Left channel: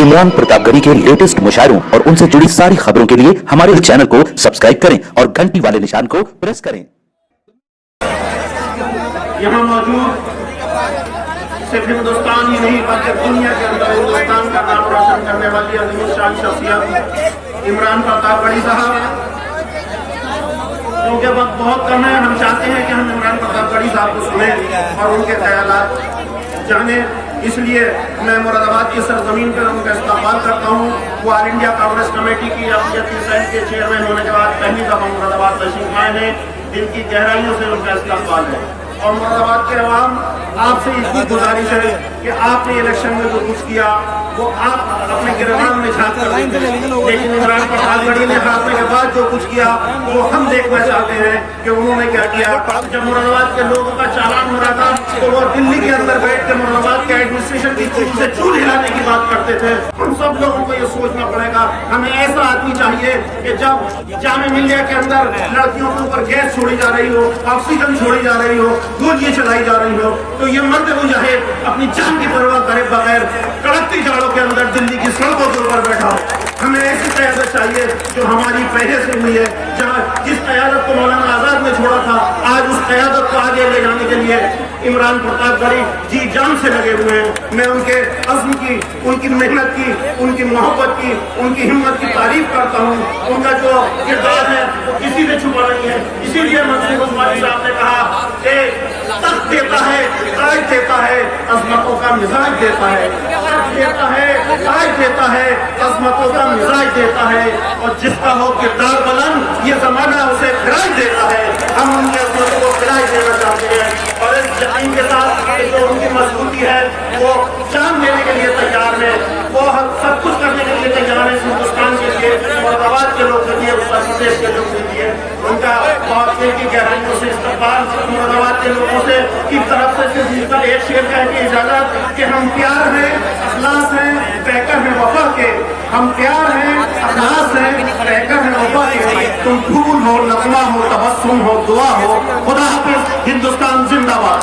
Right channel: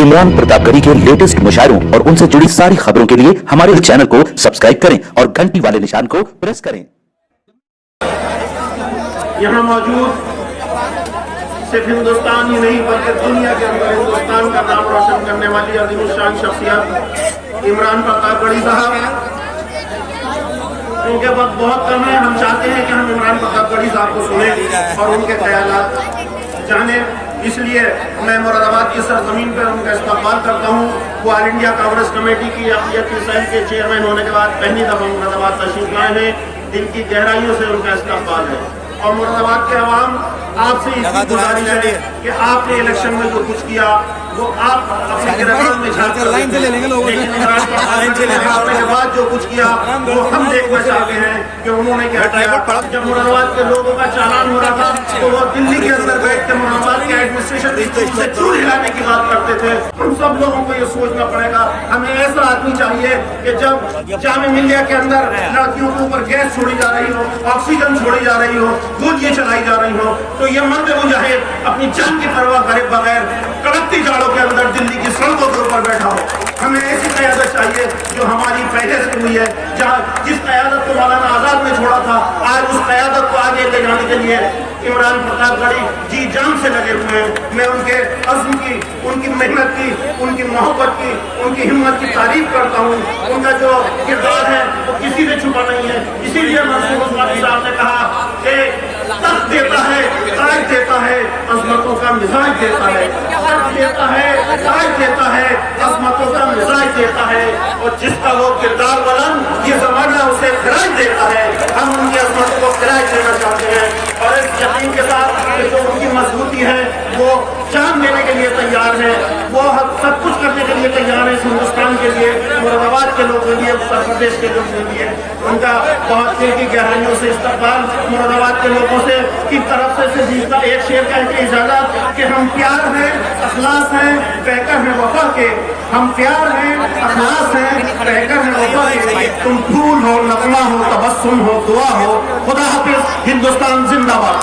इमरान प्रतापगढ़ी के लेटेस्ट मुशायरों और उनसे जुड़ी सारी खबरों के लिए हमारे चैनल को सब्सक्राइब करें और घंटी वाले निशान को प्रेस करें। यहाँ मौजूद सिर्फ हिंदुस्तान ही नहीं बल्कि दुनिया के अंदर हिंदुस्तान का नाम रोशन करने वाली अजीम शान शख्सियत इमरान प्रतापगढ़ी साहब, उनके वक्त बहुत कम है। हम चाहते हैं कि हम इमरान प्रतापगढ़ी साहब को सुने और उनके ख्यालात जाने, इसलिए मैं मुरादाबाद की सरजमीन पर उनका इस्तेमाल करता हूँ। वो ऑल इंडिया कांग्रेस कमेटी की अफियती सेल के चेयरमैन होने के बाद पहली दफा मुरादाबाद तशरीफ लाए हैं। इनकी गहराइयों से उनका इस्तेमाल है और मुरादाबाद के अवाम आपसे इसकी गुजारिश है कि आपने इलेक्शन में जो कुछ किया वो आप अपने गिरफ्तार में झाँक कर लेंगे, लेकिन इमरान प्रतापगढ़ी ने हारने के बाद जो कुछ किया वो हम देखना चाहते हैं कि उन्होंने क्या किया। जब मुरादाबाद के लोगों का चालान हो रहा था तो वो दिल्ली के अंदर बैठ के मुरादाबाद के एडमिनिस्ट्रेशन से चूड़ी लाने की बात करते थे। हम सब लोगों को ये सोचना पड़ेगा, हमें ऐसा आदमी चाहिए कि जब जामिया मिलिया के अंदर लड़कियों के ऊपर गैस छोड़ी जा रही हो, ऑक्सीजन छोड़ी जा रही हो, गोलियां चलाई जा रही हो, तो ये मर्द मुजाहिद अपनी जान की परवाह करे बगैर कड़कती जाड़ों के अंदर दिल्ली की सड़कों के ऊपर बैठा हो। हमें ऐसी क़यादत चाहिए जो हमारी पहले से हुई है। जहाँ जिस क़यादत को मौलाना आजाद ने छोड़ा था, आज उस क़यादत को आगे ले जाने के लिए इमरान प्रतापगढ़ी जी जान से लगे हुए हैं। मैं उनके अज़्म की, उनकी मेहनत की, उनकी मोहब्बत की, उनकी हिम्मत की तारीफ करता हूँ। उनका जो किरदार है वो किसी से छुपा नहीं है। इसीलिए मंसूर उस्मानी साहब ने कहा कि तख्त देता है, ताज देता है, अज़मतों का मिजाज देता है, तख्त देता है, ताज देता है, अज़मतों का मिजाज देता है, और जिसका वो किरदार बुलंद ये ज़माना उसे खिराज देता है। हम उनकी अज़मतों को खिराज देना चाहते हैं और इस यकीन के साथ कि जो उनकी मजबूती है वो जान देने के लिए तैयार है, वो सब कुछ करने के लिए तैयार है हिंदुस्तान के लिए, मुरादाबाद के लोगों के लिए, उत्तर प्रदेश के लोगों के लिए। उनका बहुत दिल की गहराइयों से इस्तेमाल मुरादाबाद के लोगों से की तरफ से जीता एक शेर कह के इजाजत कि हम प्यार हैं, अखलास हैं, कहकर हैं वफा के, हम प्यार हैं, अखलास हैं, कहकर हैं वफा के। तुम फूल हो, नगमा हो, तबस्सुम हो, दुआ हो, खुदा हाफिज, हिंदुस्तान जिंदाबाद।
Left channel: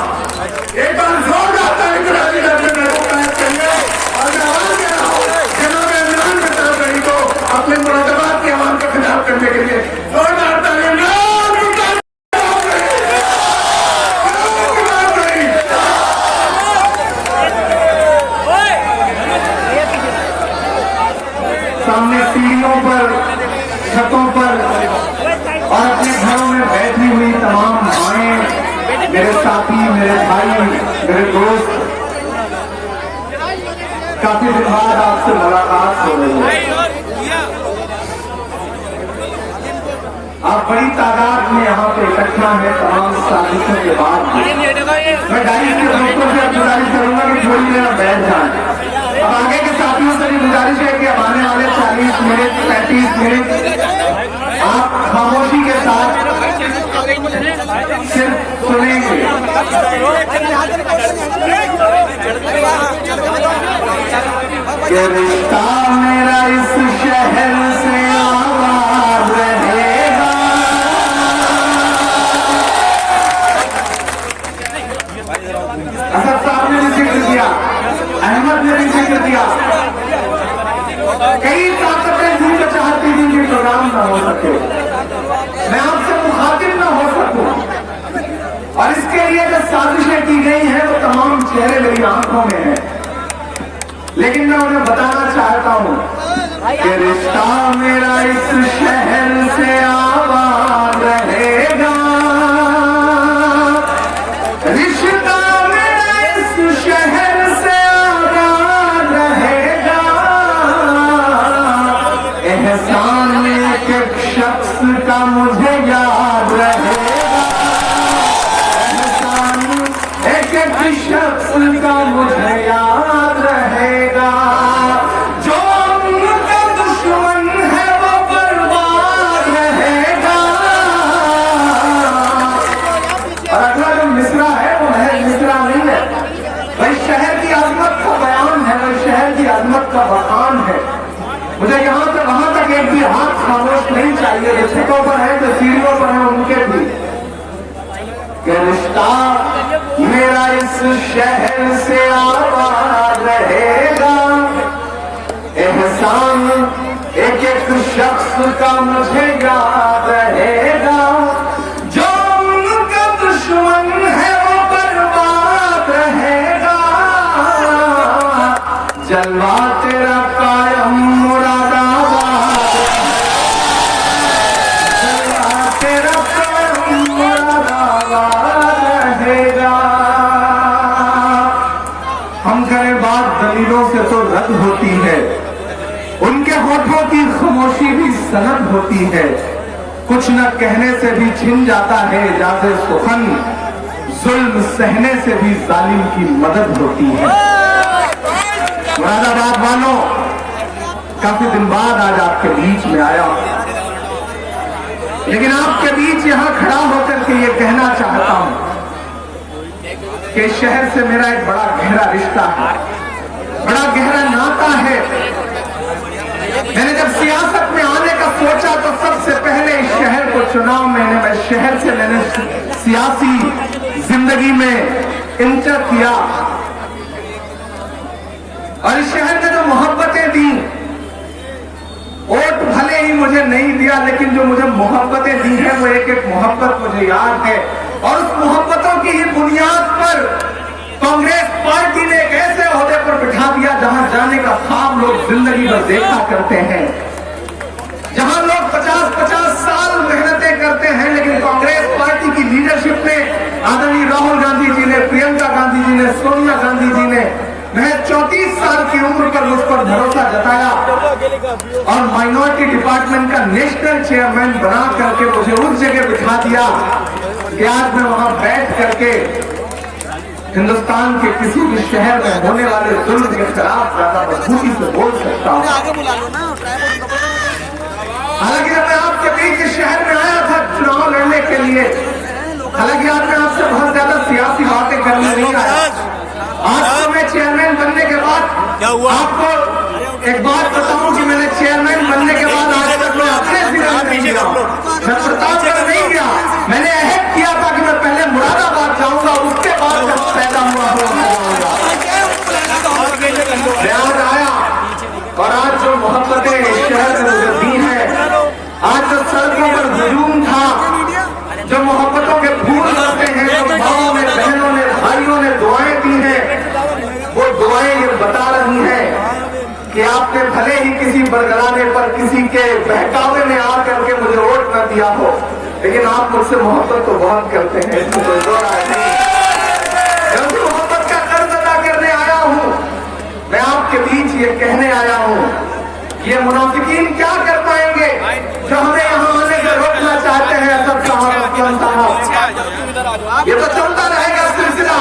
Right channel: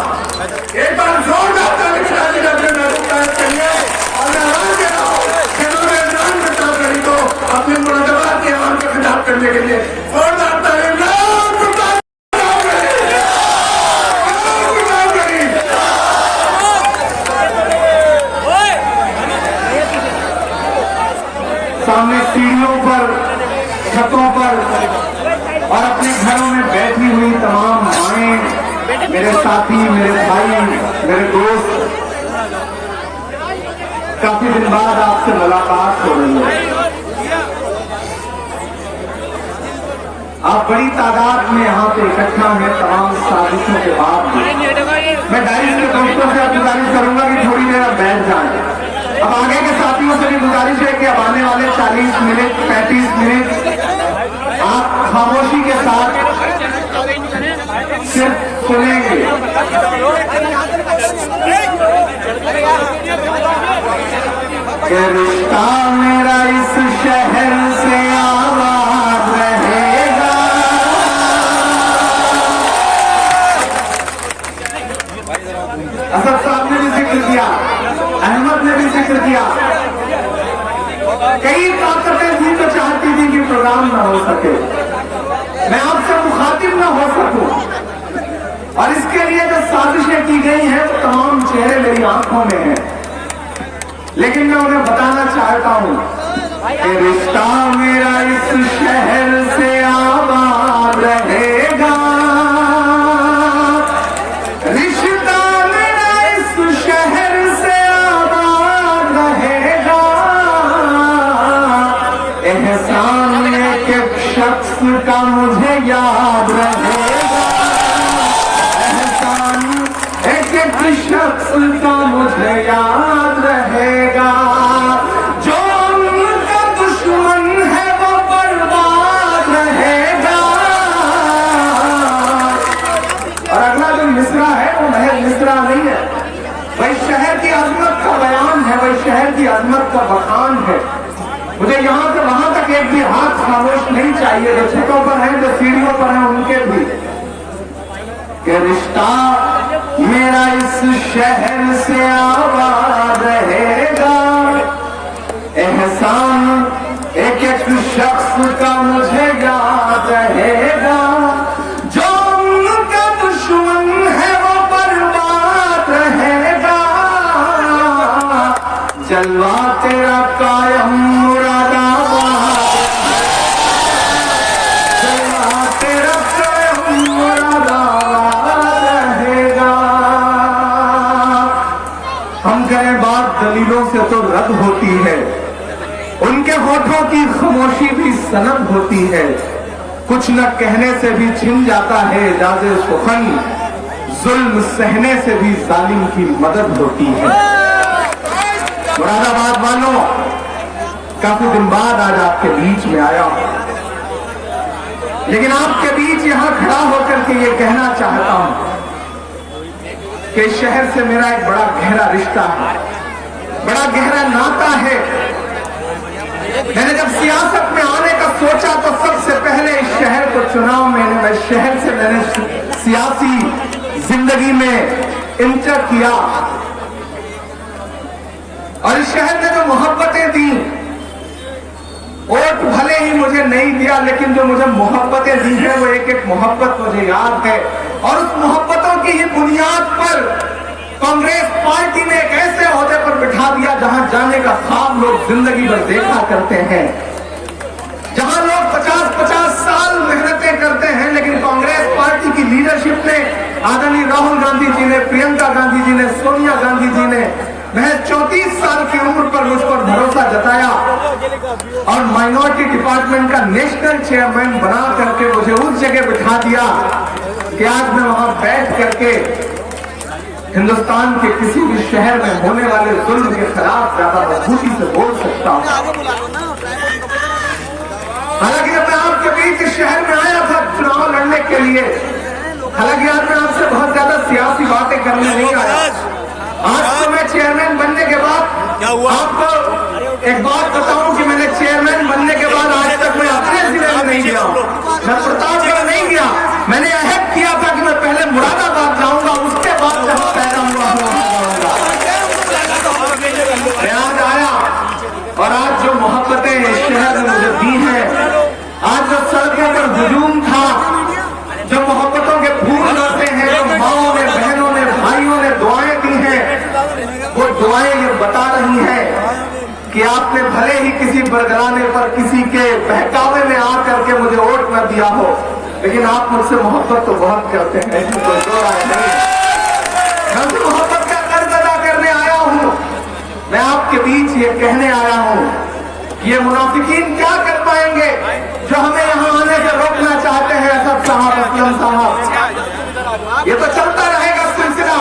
एक बार जोरदार ताली बजाइए डॉक्टर नवाब के लिए और आवाज दे रहा हूं जिन्होंने इमरान प्रतापगढ़ी को अपने मुरादाबाद के अवाम के खिलाफ करने के लिए जोरदार ताली। सामने सीढ़ियों पर, छतों पर और अपने घरों में बैठी हुई तमाम माएं, मेरे साथी, मेरे भाई, मेरे दोस्त, काफी दिन बाद आपसे मुलाकात हो रही है। आप बड़ी तादाद में यहाँ पे इकट्ठा हैं तमाम साजिशों के बाद भी। मैं डायरी के दोस्तों से गुजारिश करूंगा कि थोड़ी देर बैठ जाए। अब आगे के साथियों से भी गुजारिश है कि अब आने वाले 40 मिनट 35 मिनट आप खामोशी के साथ सिर्फ सुनेंगे। रिश्ता मेरा इस शहर से आबाद रहेगा, असद साहब ने भी जिक्र किया, अहमद ने भी जिक्र किया, कई ताकतें थी जो चाहती थी कि प्रोग्राम न हो सके, मैं आपसे मुखातिब न हो सकूं, और इसके लिए जो साजिशें की गई है वो तमाम चेहरे मेरी आंखों में है। लेकिन मैं उन्हें बताना चाहता हूं कि रिश्ता मेरा इस शहर से आबाद रहेगा, रिश्ता मेरा इस शहर से आबाद रहेगा, एहसान एक शख्स का मुझे याद रहेगा, एहसान एक शख्स का मुझे याद रहेगा, जो उनका दुश्मन है वो बर्बाद रहेगा। और अगला जो मिसरा है वो महज मिसरा नहीं है, वही शहर की अजमत का बयान है, वही शहर की अजमत का बखान है। मुझे यहाँ से वहां तक एक भी हाथ खामोश नहीं चाहिए, जो छतों पर है, जो सीढ़ियों पर है, उनके भी कि रिश्ता मेरा इस शहर से आबाद रहेगा, एक एक शख्स का मुझे याद रहेगा, जो उनका दुश्मन है वो बर्बाद रहेगा। जलवा तेरा कायम मुरादाबाद, जलवा तेरा कायम मुरादाबाद रहेगा। हम कहें बात दलीलों से तो रद्द होती है, उनके होठों की खामोशी भी सनद होती है। कुछ न कहने से भी छिन जाता है इजाज़े सुखन, जुल्म सहने से भी जालिम की मदद होती है। मुरादाबाद वालों, काफी दिन बाद आज आपके बीच में आया हूं, लेकिन आपके बीच यहां खड़ा होकर के ये कहना चाहता हूं कि शहर से मेरा एक बड़ा गहरा रिश्ता है, बड़ा गहरा नाता है। मैंने जब सियासत में आने का सोचा तो सबसे पहले इस शहर को चुना। मैं शहर से मैंने सियासी जिंदगी में इंटर किया और इस शहर ने जो मोहब्बतें दी, वोट भले ही मुझे नहीं दिया, लेकिन जो मुझे मोहब्बतें दी है वो एक एक मोहब्बत मुझे याद है। और उस मोहब्बतों की ही बुनियाद पर कांग्रेस पार्टी ने एक ऐसे ओहदे पर बिठा दिया जहां जाने का ख्वाब लोग जिंदगी भर देखा करते हैं, जहां लोग 50-50 साल मेहनतें करते हैं, लेकिन कांग्रेस पार्टी की लीडरशिप में आदरणीय राहुल गांधी जी ने, प्रियंका गांधी जी ने, सोनिया गांधी जी ने महज 34 साल की उम्र पर मुझ पर भरोसा जताया और माइनॉरिटी डिपार्टमेंट का नेशनल चेयरमैन बना करके मुझे उस जगह बिठा दिया कि आज मैं वहां बैठ करके हिंदुस्तान के किसी भी शहर में होने वाले जुल्म के खिलाफ ज्यादा मजबूती से बोल सकता हूं। हालांकि जब मैं आपके बीच शहर में आया था चुनाव लड़ने के लिए, हालांकि आज मैं आपसे बहुत ज्यादा सियासी बातें करने नहीं आया। आज तो मैं चेयरमैन बनने के बाद क्या हुआ, आपको एक बात बताऊं कि मैंने चेयरमैन बनने के बाद आज तक मैं अपने जिले में नहीं गया, मैं प्रतापगढ़ नहीं गया। मैंने अहद किया था कि मैं पहले मुरादाबाद जाऊंगा, उसके बाद जब पैदा हुआ मैं आज आया। और आज जो मोहब्बतें इस शहर ने मुझे दी हैं, आज जो सड़कों पर हुजूम था, जो मोहब्बतों के फूल आते हैं, जो माओं ने, बहनों ने, भाइयों ने दुआएं दी हैं, वो दुआएं ये बता रही हैं कि आपने भले ही किसी बरगलाने पर, किसी के बहकावे में आकर के मुझे वोट न दिया हो, लेकिन आप मुझसे मोहब्बत तो बहुत करते हैं, इसमें कोई दो राय नहीं। मैं उसी मोहब्बत का कर्ज अदा करने आया हूं। मैं आपके बीच ये कहने आया हूं, ये मुनाफिकीन क्या कर पाएंगे जो हमें यहां आने से रोकना चाहते हैं। असद साहब, असलम साहब, ये तो चलता रहेगा सिलसिला।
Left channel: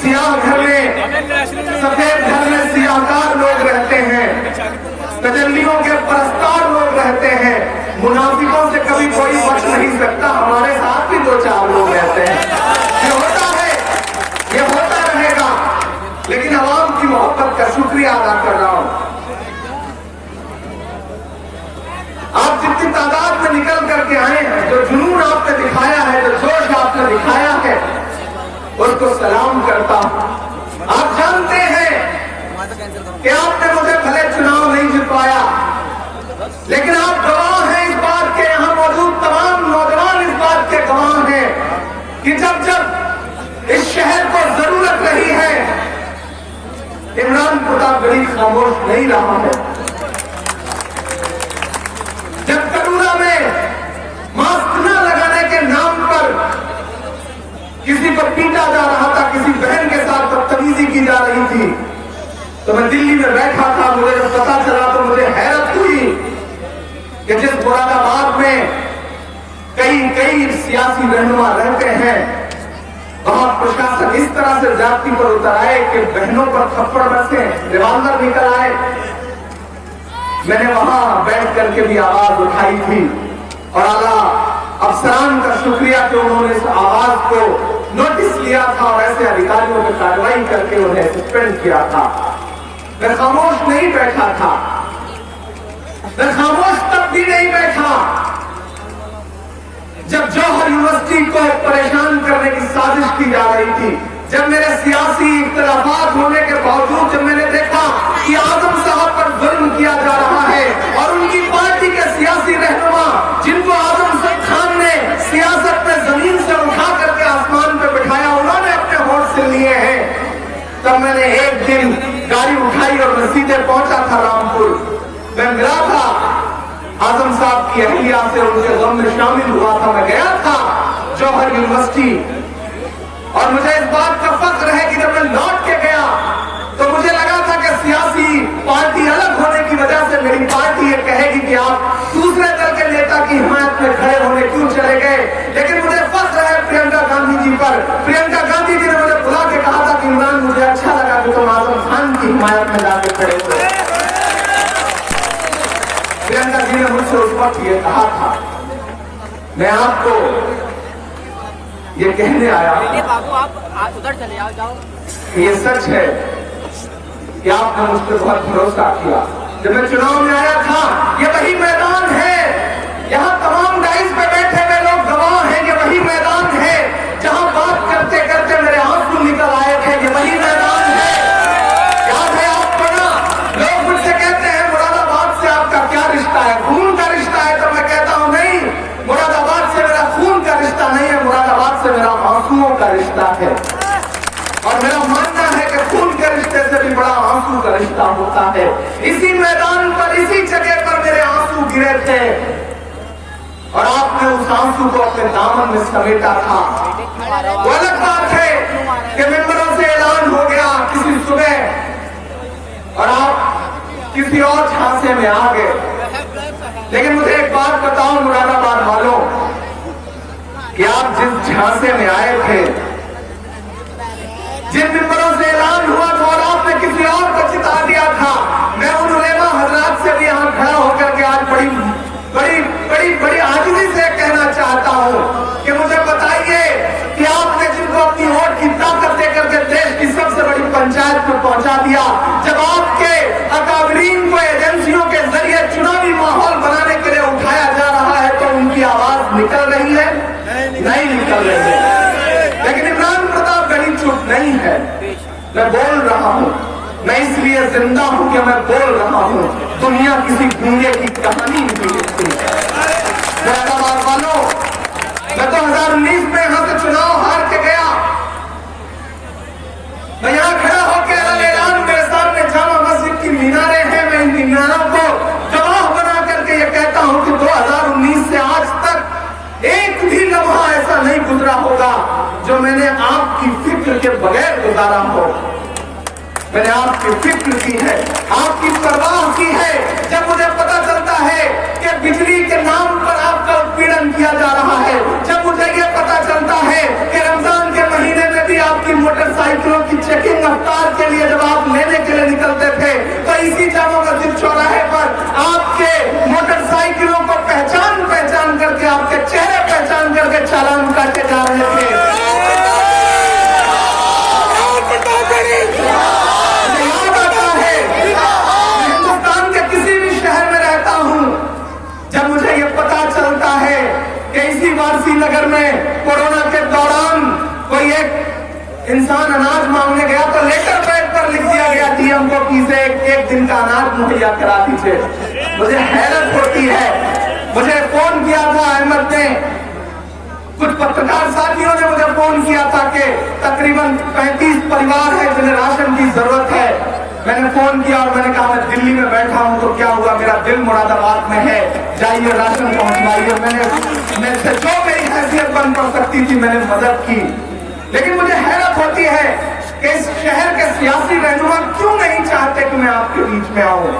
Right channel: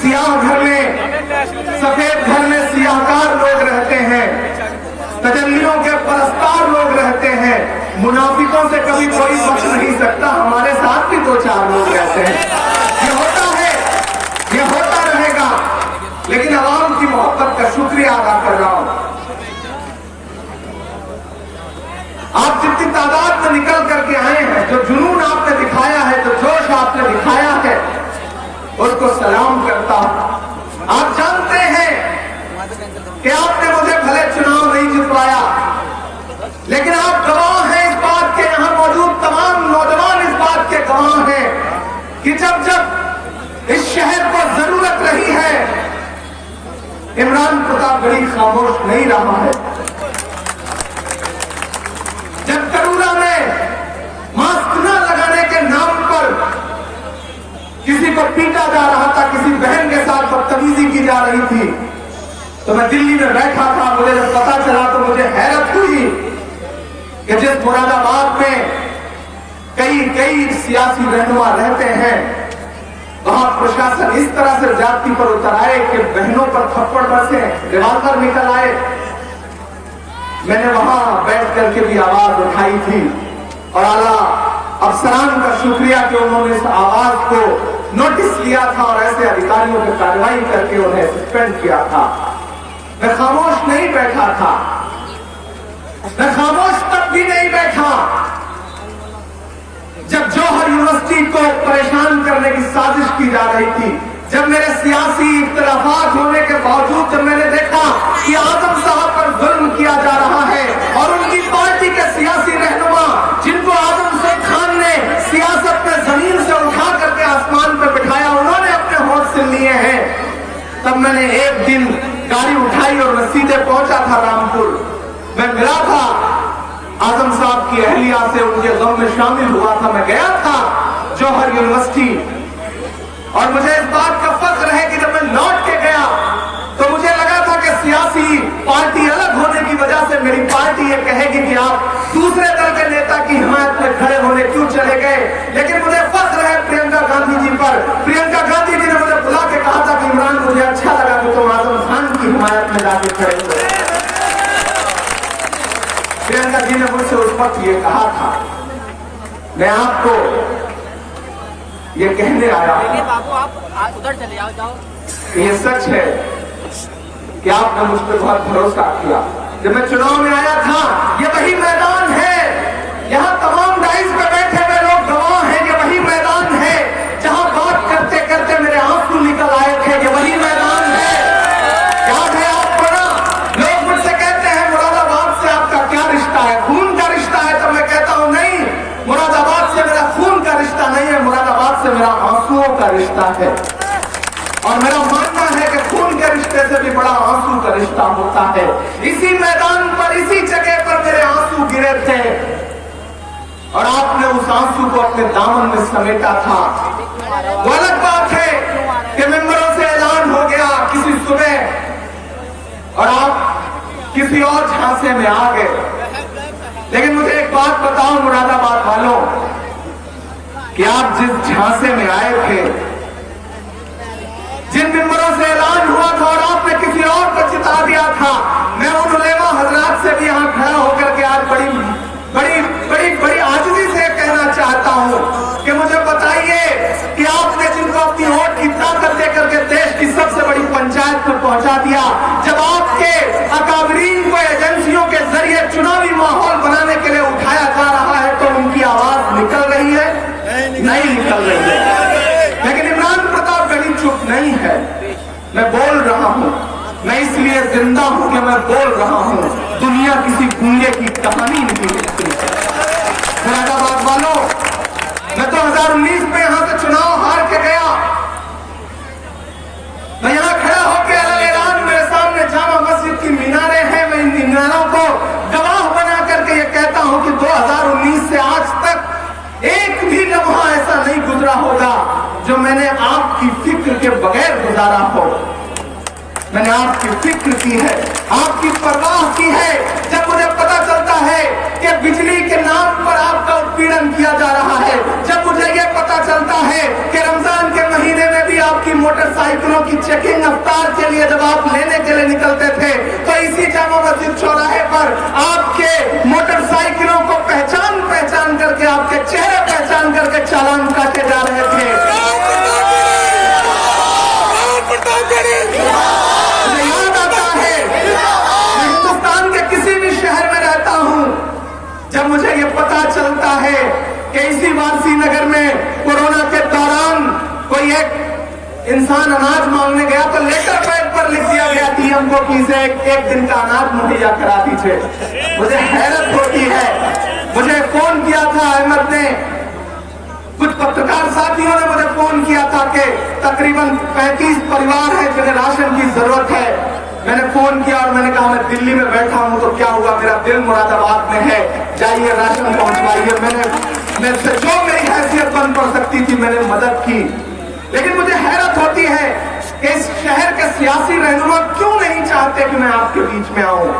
सियाह घर में, सफेद घर में सियाहकार लोग रहते हैं, तजल्लियों के परस्तार लोग रहते हैं। मुनाफिकों से कभी कोई बच नहीं सकता। हमारे साथ भी 2-4 लोग रहते हैं। ये होता है, ये होता रहेगा, लेकिन आवाम की मोहब्बत का शुक्रिया अदा कर रहा हूं। आप जितनी तादाद में निकल करके आए हैं, जो जुनून आपने दिखाया है, जो जोश आपने दिखाया है, उसको सलाम करता हूं। आप जानते हैं कि आपने मुझे भले चुनाव नहीं जितवाया, लेकिन आप गवाह हैं इस बात के, यहां मौजूद तमाम नौजवान इस बात के गवाह हैं कि जब जब इस शहर को जरूरत रही है, इमरान प्रतापगढ़ी खामोश नहीं रहा है। जब करूरा में मास्क न लगाने के नाम पर किसी को पीटा जा रहा था, किसी बहन के साथ बदतमीजी की जा रही थी, तो मैं दिल्ली में बैठा था। मुझे जब पता चला तो मुझे हैरत हुई कि जिस मुरादाबाद में कई सियासी रहनुमा रहते हैं, वहां प्रशासन इस तरह से जाति पर उतर आए कि बहनों पर थप्पड़ बरसे, रिवाल्वर निकल आए। मैंने वहां बैठ करके भी आवाज उठाई थी और आला अफसरान का शुक्रिया कि उन्होंने इस आवाज को नोटिस लिया था और ऐसे अधिकारियों पर कार्रवाई करके उन्हें सस्पेंड किया था। मैं खामोश नहीं बैठा था, मैं खामोश तब भी नहीं बैठा जब जौहर यूनिवर्सिटी को परेशान करने की साजिश की जा रही थी, जब मेरे सियासी इख्तिलाफात होने के बावजूद जब मैंने देखा कि आजम साहब पर जुल्म किया जा रहा है और उनकी सीधे पहुंचा था रामपुर। मैं मिला था आजम साहब की अहलिया से, उनके गम में शामिल हुआ था। मैं गया था जौहर यूनिवर्सिटी और मुझे इस बात का फख्र है कि जब मैं लौट के गया तो मुझे लगा था कि सियासी पार्टी अलग होने की वजह से मेरी पार्टी ये कहेगी कि आप दूसरे दल के नेता की हिमायत में खड़े होने क्यों चले गए। लेकिन मुझे फख्र है प्रियंका गांधी जी पर। प्रियंका गांधी जी ने मुझे बुला के कहा था कि इमरान, मुझे अच्छा लगा कि तुम आजम खान की हिमायत में जाके खड़े हो। प्रियंका जी ने मुझसे उस वक्त ये कहा था। मैं आपको ये कहने आया, बाबू आप उधर चले जाओ। ये सच है कि आपने मुझ पर बहुत भरोसा किया। जब मैं चुनाव में आया था, ये वही मैदान है, यहाँ तमाम डाइस पे बैठे हुए लोग गवाह हैं, ये वही मैदान है जहाँ बात करते करते मेरे आंसू निकल आए थे। ये वही मैदान है, याद है आपको ना? लोग मुझसे कहते हैं मुरादाबाद से आपका क्या रिश्ता है, खून का रिश्ता है? तो मैं कहता हूँ नहीं, मुरादाबाद से मेरा खून का रिश्ता नहीं है, मुरादाबाद से मेरा आंसुओं का रिश्ता है। और मेरा मानना है कि खून के रिश्ते से भी बड़ा आंसू का रिश्ता होता है। इसी मैदान पर, इसी जगह पर मेरे आंसू गिरे थे और आपने उस आंसू को अपने दामन में समेटा था। वो अलग बात है कि मेंबरों से ऐलान हो गया किसी सुबह और आप किसी और झांसे में आ गए। लेकिन मुझे एक बात बताओ मुरादाबाद वालों, कि आप जिस झांसे में आए थे, जिन मेंबरों से ऐलान हुआ था और आपने किसी और को जिता दिया था, मैं उन उलेमा हजरात से भी यहां खड़ा होकर के आज बड़ी बड़ी बड़ी बड़ी आजिज़ी से कहना चाहता हूं कि मुझे बताइए कि आपने जिनको अपनी वोट की ताकत देकर के देश की सबसे बड़ी पंचायत में पहुंचा दिया, जब आपके अकाबरीन को एजेंसियों के जरिए चुनावी माहौल बनाने के लिए उठाया जा रहा है, तो उनकी आवाज निकल रही है? नहीं निकल रही है। लेकिन इमरान प्रताप गढ़ी चुप नहीं है। मैं बोल रहा हूं, मैं इसलिए जिंदा हूं कि मैं बोल रहा हूं। दुनिया किसी गूंगे की कहानी नहीं लिखती। मुरादाबाद वालों, मैं 2019 में यहां से चुनाव हार के गया। मैं यहां खड़ा होकर ऐलान मेरे सामने जामा मस्जिद की मीनारें हैं, मैं इन मीनारों को गवाह बना करके ये कहता हूं कि 2019 से आज तक एक भी लम्हा ऐसा नहीं गुजरा होगा जो मैंने आपकी फिक्र के बगैर गुजारा हो। मैंने आपकी फिक्र की है, आपकी परवाह की है। जब मुझे पता चलता है कि बिजली के नाम पर आपका उत्पीड़न किया जा रहा है, जब मुझे ये पता चलता है कि रमजान के महीने में भी आपकी मोटरसाइकिलों की चेकिंग अफ्तार के लिए जब आप लेने के लिए निकलते थे, तो इसी जामा मस्जिद चौराहे पर आपके मोटरसाइकिलों को पहचान करके, आपके चेहरे पहचान करके चालान काटे जा रहे थे। याद आता है, हिंदुस्तान के किसी भी शहर में रहता हूं, जब मुझे ये पता चलता है कि इसी वारसी नगर में कोरोना के दौरान कोई एक इंसान अनाज मांगने गया तो लेटर पैड पर लिख दिया गया डीएम को कि इसे एक दिन का अनाज मुहैया करा दीजिए। मुझे हैरत होती है। मुझे फोन किया था अहमद ने, कुछ पत्रकार साथियों ने मुझे फोन किया था कि तकरीबन 35 परिवार हैं जिन्हें राशन की जरूरत है। मैंने फोन किया और मैंने कहा मैं दिल्ली में बैठा हूं, तो क्या हुआ, मेरा दिल मुरादाबाद में है, जाइए राशन पहुंचवाइए। मैंने जो मेरी हैसियत बन पड़ सकती थी मैंने मदद की। लेकिन मुझे हैरत होती है कि इस शहर के सियासी रहनुमा क्यों नहीं चाहते कि मैं आपके बीच में आऊं।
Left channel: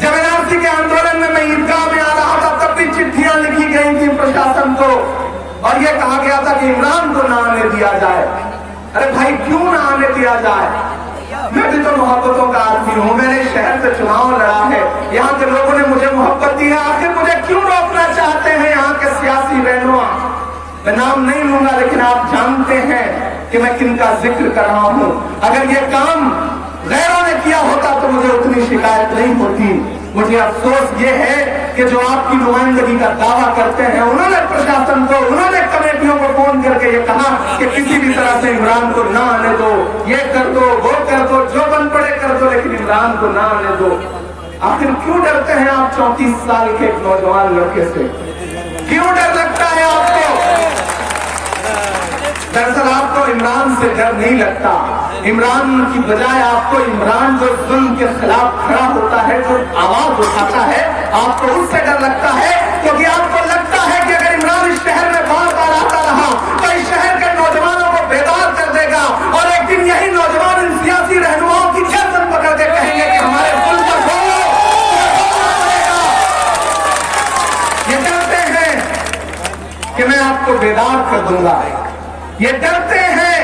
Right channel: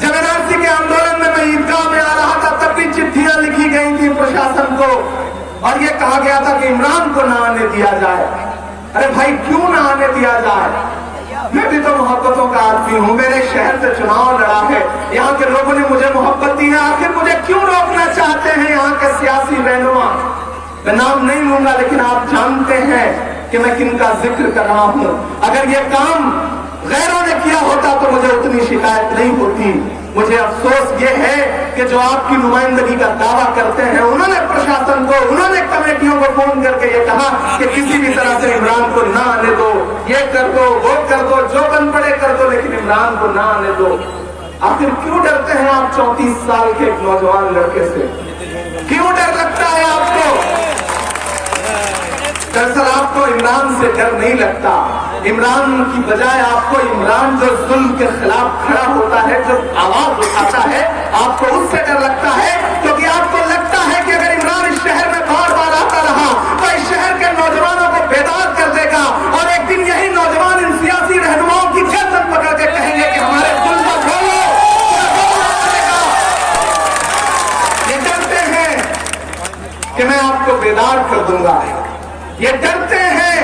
जब एनआरसी के आंदोलन में मैं ईदगाह में आ रहा था, तब भी चिट्ठियां लिखी गई थी प्रशासन को और यह कहा गया था कि इमरान को ना आने दिया जाए। अरे भाई, क्यों ना आने दिया जाए? मैं भी तो मोहब्बतों का आदमी हूँ, मेरे शहर से चुनाव लड़ा है, यहाँ के लोगों ने मुझे मोहब्बत दी है, आखिर मुझे क्यों रोकना चाहते हैं यहाँ के सियासी रहनुमा? मैं नाम नहीं लूंगा, लेकिन आप जानते हैं कि मैं किनका जिक्र कर रहा हूँ। अगर ये काम गैरों ने किया होता तो मुझे उतनी शिकायत नहीं होती। मुझे अफसोस ये है कि जो आपकी नुमाइंदगी का दावा करते हैं, उन्होंने प्रशासन को, उन्होंने कमेटियों को फोन करके ये कहा कि किसी भी तरह से इमरान को ना आने दो, ये कर दो, वो कर दो, जो बन पड़े कर दो, लेकिन इमरान को ना आने दो। आखिर क्यों डरते हैं आप 34 साल के एक नौजवान लड़के से? क्यों डर लगता है आपको? दरअसल आपको इमरान से डर नहीं लगता। इमरान की बजाय आपको इमरान जो जुल्म के खिलाफ खड़ा होता है, जो आवाज उठाता है, आपको उससे डर लगता है, क्योंकि आपको लगता है कि अगर इमरान इस शहर में बार बार आता रहा तो इस शहर के नौजवानों को बेदार कर देगा और एक दिन यही नौजवान इन सियासी रहनुमाओं की गर्दन पकड़ के कहेंगे कि हमारे जुल्म को छोड़ो। ये डरते हैं कि मैं आपको बेदार कर दूंगा, ये डरते हैं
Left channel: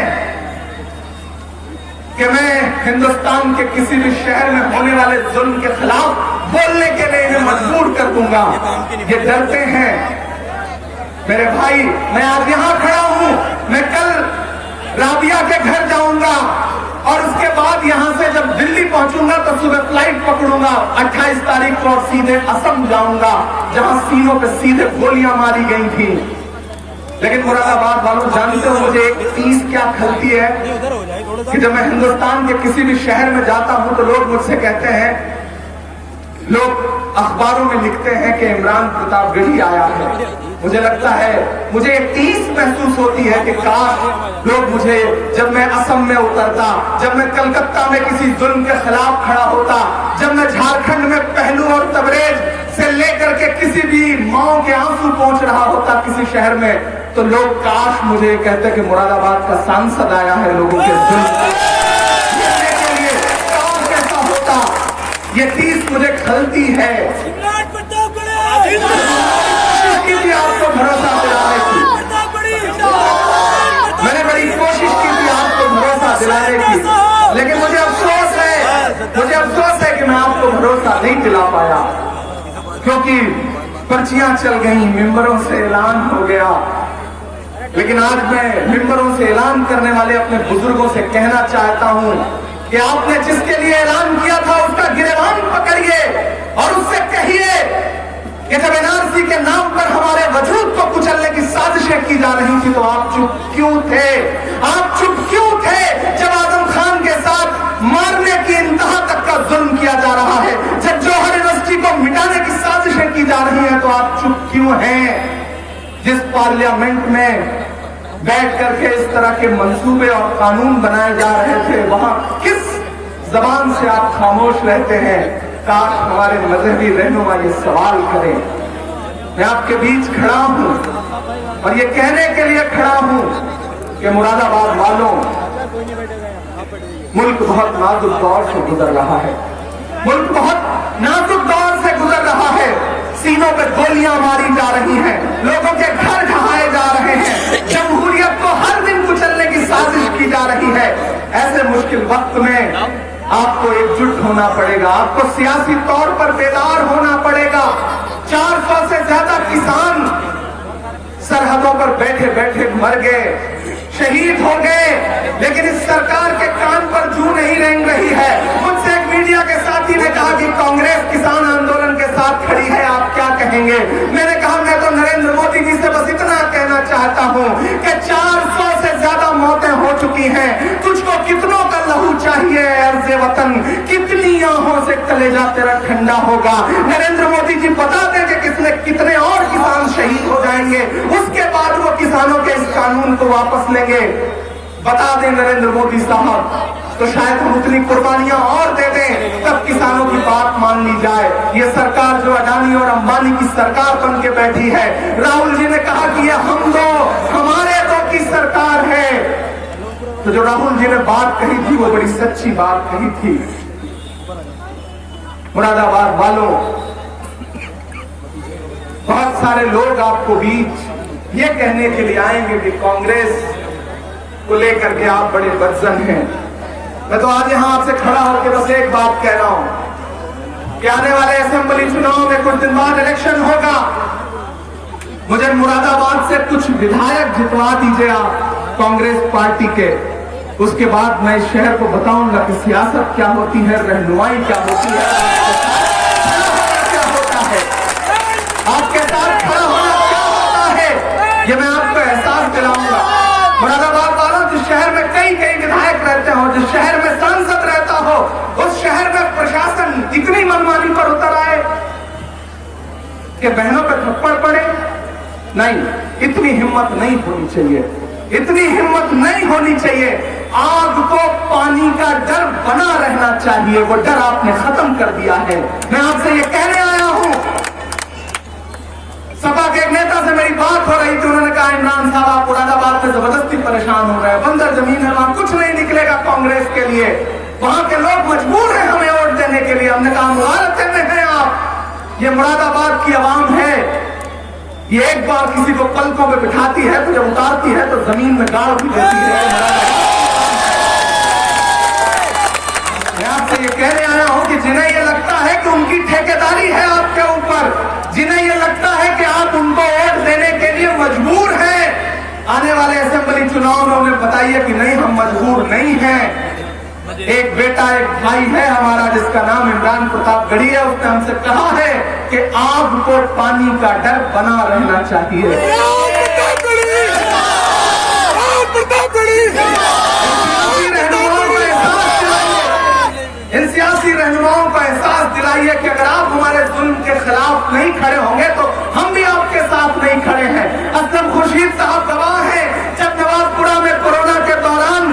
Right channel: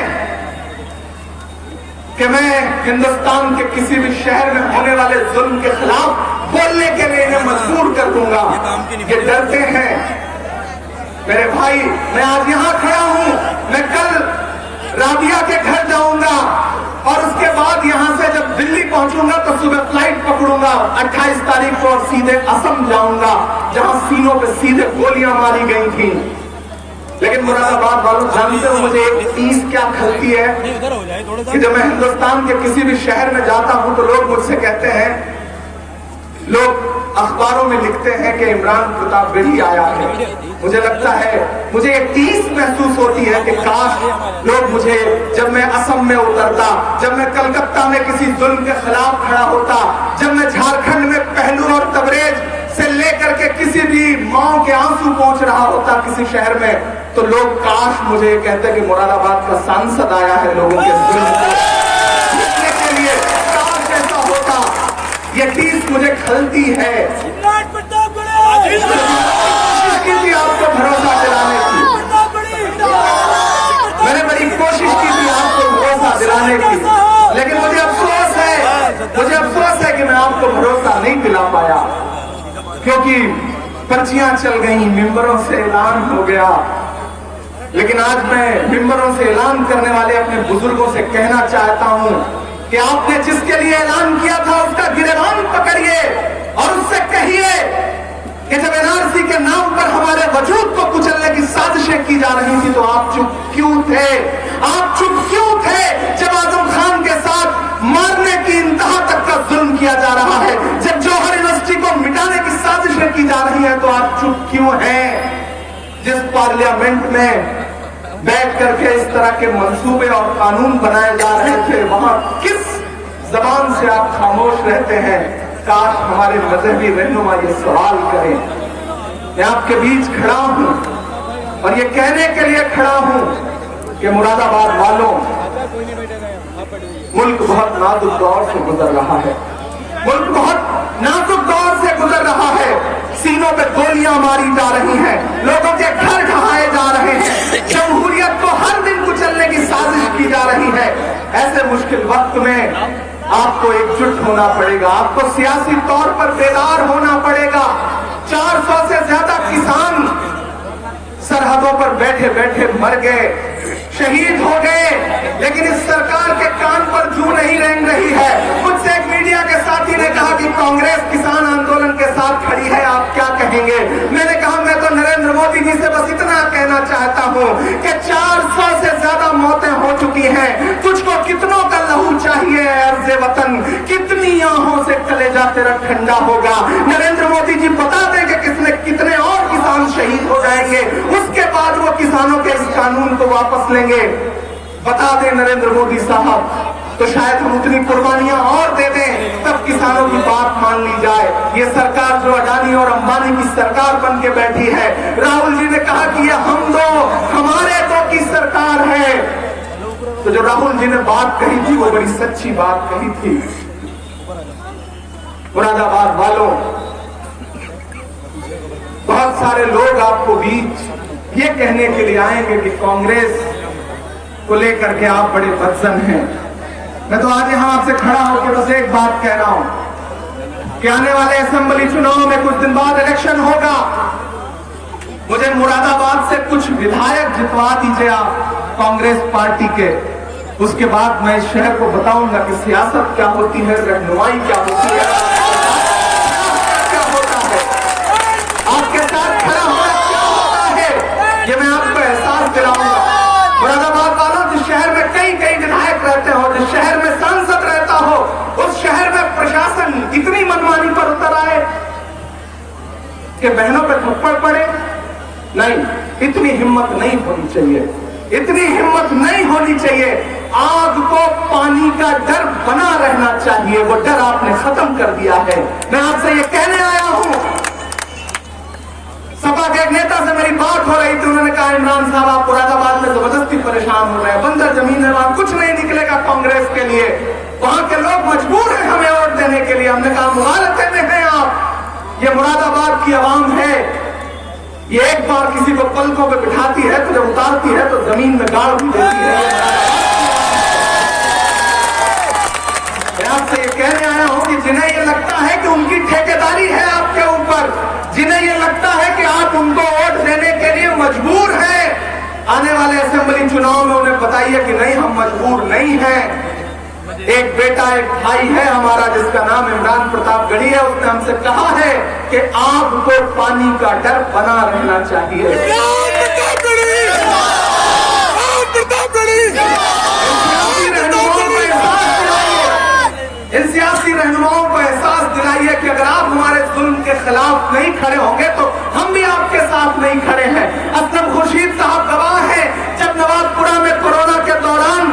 कि मैं हिंदुस्तान के किसी भी शहर में होने वाले जुल्म के खिलाफ बोलने के लिए इन्हें मजबूर कर दूंगा। ये डरते हैं। मेरे भाई, मैं आज यहां खड़ा हूं, मैं कल राबिया के घर जाऊंगा और उसके बाद यहां से जब दिल्ली पहुंचूंगा तो सुबह फ्लाइट पकड़ूंगा 28 तारीख को और सीधे असम जाऊंगा, जहां सीनों पे सीधे गोलियां मारी गई थी। लेकिन मुरादाबाद वालों, जानते हो मुझे एक चीज क्या खलती है कि जब मैं हिंदुस्तान के किसी भी शहर में जाता हूं तो लोग मुझसे कहते हैं, लोग अखबारों में लिखते हैं कि इमरान प्रतापगढ़ी आया है। मुझे लगता है, मुझे एक चीज महसूस होती है कि काश लोग मुझे, जब मैं असम में उतरता, जब मैं कलकत्ता में किसी जुल्म के खिलाफ खड़ा होता, जब मैं झारखंड में पहलू और तबरेज से लेकर के किसी भी माओ के आंसू पहुंच रहा होता किसी शहर में, तो लोग काश मुझे कहते कि मुरादाबाद का सांसद आया है लोगों के जुल्म के लिए। कैसा होता, ये चीज मुझे खलती है। आपको भरोसा दिलाने की मैंने बड़ी कोशिश की थी, आपको भरोसा दिलाने की, लेकिन मुझे अफसोस है कि मैं आपको भरोसा नहीं दिला पाया, क्योंकि पर्चियां चल गई, मेंबरों से ऐलान हो गया। लेकिन आज मैं मेंबरों से ऐलान करने वाले अपने बुजुर्गों से कहना चाहता हूं कि आपने जिसके लिए ऐलान किया था उसका गिरबान पकड़िए और उससे कहिए कि जब एनआरसी के नाम पर हमारे वजूद को कुचलने की साजिशें की जा रही थी तो आप चुप क्यों थे? आप चुप क्यों थे जब आजम खान के साथ मारने की इंतहा तक का जुल्म किया जा रहा है, जब जौहर यूनिवर्सिटी को मिटाने की साजिशें की जा रही हैं, तो आप चुप क्यों हैं? जिस पार्लियामेंट में बैठ करके इस तरह के मंसूबे और कानून बनाए जा रहे थे, वहां किस जबान से आप खामोश रहते हैं? काश हमारे मजहबी रहनुमा ये सवाल करें। मैं आपके बीच खड़ा हूं और ये कहने के लिए खड़ा हूं कि मुरादाबाद वालों, मुल्क बहुत नाजुक दौर से गुजर रहा है, मुल्क बहुत नाजुक दौर से गुजर रहा है। सीनों पे गोलियां मारी जा रही हैं, लोगों के घर ढहाए जा रहे हैं, जमहूरियत को हर दिन कुचलने की साजिश की जा रही है। ऐसे मुश्किल वक्त में आपको एकजुट होना पड़ेगा, आपको सियासी तौर पर बेदार होना पड़ेगा। 400 से ज्यादा किसान सरहदों पर बैठे बैठे मर गए, शहीद हो गए, लेकिन इस सरकार के कान पर जू नहीं रेंग रही है। मुझसे एक मीडिया के साथी ने कहा कि कांग्रेस किसान आंदोलन के साथ खड़ी है, आप क्या कहेंगे? मैंने कहा मैं तो नरेंद्र मोदी जी से बस इतना कहना चाहता हूं कि 400 से ज्यादा मौतें हो चुकी हैं, तुझको कितनों का लहू चाहिए अर्ज़े वतन, कितनी आहों से कलेजा तेरा ठंडा होगा। नरेंद्र मोदी जी बता दें कि कितने और किसान शहीद हो जाएंगे, उसके बाद वो किसानों के इस कानून को वापस लेंगे। बता दें नरेंद्र मोदी साहब, तो शायद हम उतनी कुर्बानियां और दे दें, तब किसानों की बात मान ली जाए। ये सरकार जो अडानी और अंबानी की सरकार बन के बैठी है, राहुल जी ने कहा कि ये हम दो हमारे दो की सरकार है, तो जो राहुल जी ने बात कही थी वो बड़ी सच्ची बात कही थी। मुरादाबाद वालों, बहुत सारे लोग आपको बीच ये कहने के लिए आएंगे कि कांग्रेस को लेकर के आप बड़े बदजन हैं। मैं तो आज यहां आपसे खड़ा होकर बस एक बात कह रहा हूं कि आने वाले असेंबली चुनाव में कुछ दिन बाद इलेक्शन होगा, मुझे मुरादाबाद से कुछ विधायक जितवा दीजिए आप कांग्रेस पार्टी के, उसके बाद मैं इस शहर को बताऊंगा कि सियासत क्या होती है, रहनुमाई क्या होती है, क्या होता है, आपके साथ खड़ा होना क्या होता है, ये मैं आपको एहसास दिलाऊंगा। मुरादाबाद वालों, जिस शहर में कई विधायक रहते हो, जिस शहर में सांसद रहता हो, उस शहर में प्रशासन इतनी मनमानी पर उतर आए कि बहनों पे थप्पड़ पड़े, नहीं, इतनी हिम्मत नहीं होनी चाहिए। इतनी हिम्मत नहीं होनी चाहिए। आग को पानी का डर बना रहना चाहिए, वो डर आपने खत्म कर दिया है। मैं आपसे ये कहने आया हूं, सपा के एक नेता से मेरी बात हो रही थी, उन्होंने कहा इमरान साहब आप मुरादाबाद में जबरदस्ती परेशान हो रहे हैं, बंजर जमीन है, वहां कुछ नहीं निकलेगा कांग्रेस के लिए, वहां के लोग मजबूर हैं हमें वोट देने के लिए। हमने कहा मुबारक में हैं आप, ये मुरादाबाद की आवाम है, ये एक बार किसी को पलकों पे बिठाती है तो जब उतारती है तो जमीन में गाड़ भी देती है। मैं आपसे ये कहने आया हूं कि जिन्हें ये लगता है कि उनकी ठेकेदारी है आपके ऊपर, जिन्हें ये लगता है कि आप उनको वोट देने के लिए मजबूर हैं, आने वाले असेंबली चुनाव में उन्हें बताइए कि नहीं, हम मजबूर नहीं हैं। एक बेटा एक भाई है हमारा जिसका नाम इमरान प्रतापगढ़ी है, उसने हमसे कहा है कि आग को पानी का डर बना रहना चाहिए। इन सियासी रहनुमाओं को एहसास दिलाइए कि अगर आप हमारे जुल्म के खिलाफ नहीं खड़े होंगे तो हम भी आपके साथ नहीं खड़े हैं। असलम खुर्शीद साहब गवाह हैं, जब नवाबपुरा में कोरोना के दौरान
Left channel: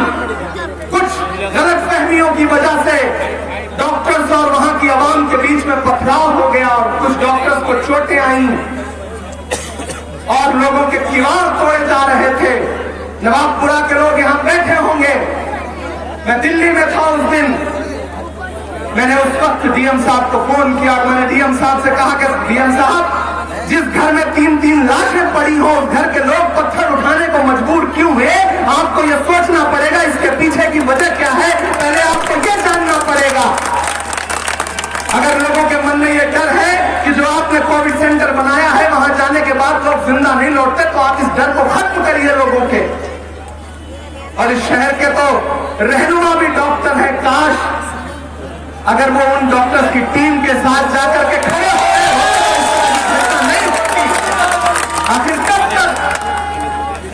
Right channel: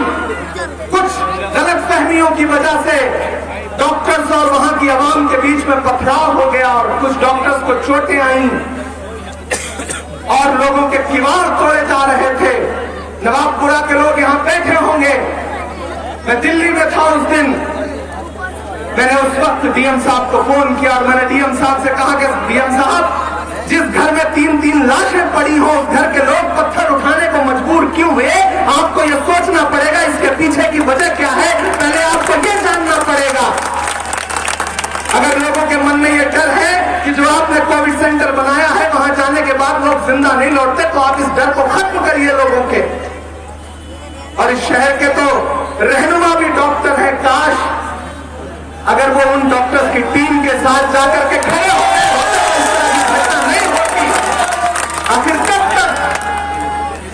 कुछ गलतफहमियों की वजह से डॉक्टर्स और वहां की आवाम के बीच में पथराव हो गया और कुछ डॉक्टर्स को चोटें आई और लोगों के किवाड़ तोड़े जा रहे थे। नवाबपुरा के लोग यहां बैठे होंगे, मैं दिल्ली में था उस दिन, मैंने उस वक्त डीएम साहब को फोन किया और मैंने डीएम साहब से कहा कि डीएम साहब, जिस घर में 3-3 लाशें पड़ी हो, उस घर के लोग पत्थर उठाने को मजबूर क्यों हुए, आपको यह सोचना पड़ेगा इसके पीछे की वजह क्या है, पहले आपको यह जानना पड़ेगा। अगर लोगों के मन में यह डर है कि जो आपने कोविड सेंटर बनाया है वहां जाने के बाद लोग जिंदा नहीं लौटते, तो आप इस डर को खत्म करिए लोगों के। और इस शहर के तो रहनुमा भी डॉक्टर हैं, काश अगर वो उन डॉक्टर की टीम के साथ जाकर के खड़े होते नहीं होती। आखिर कब तक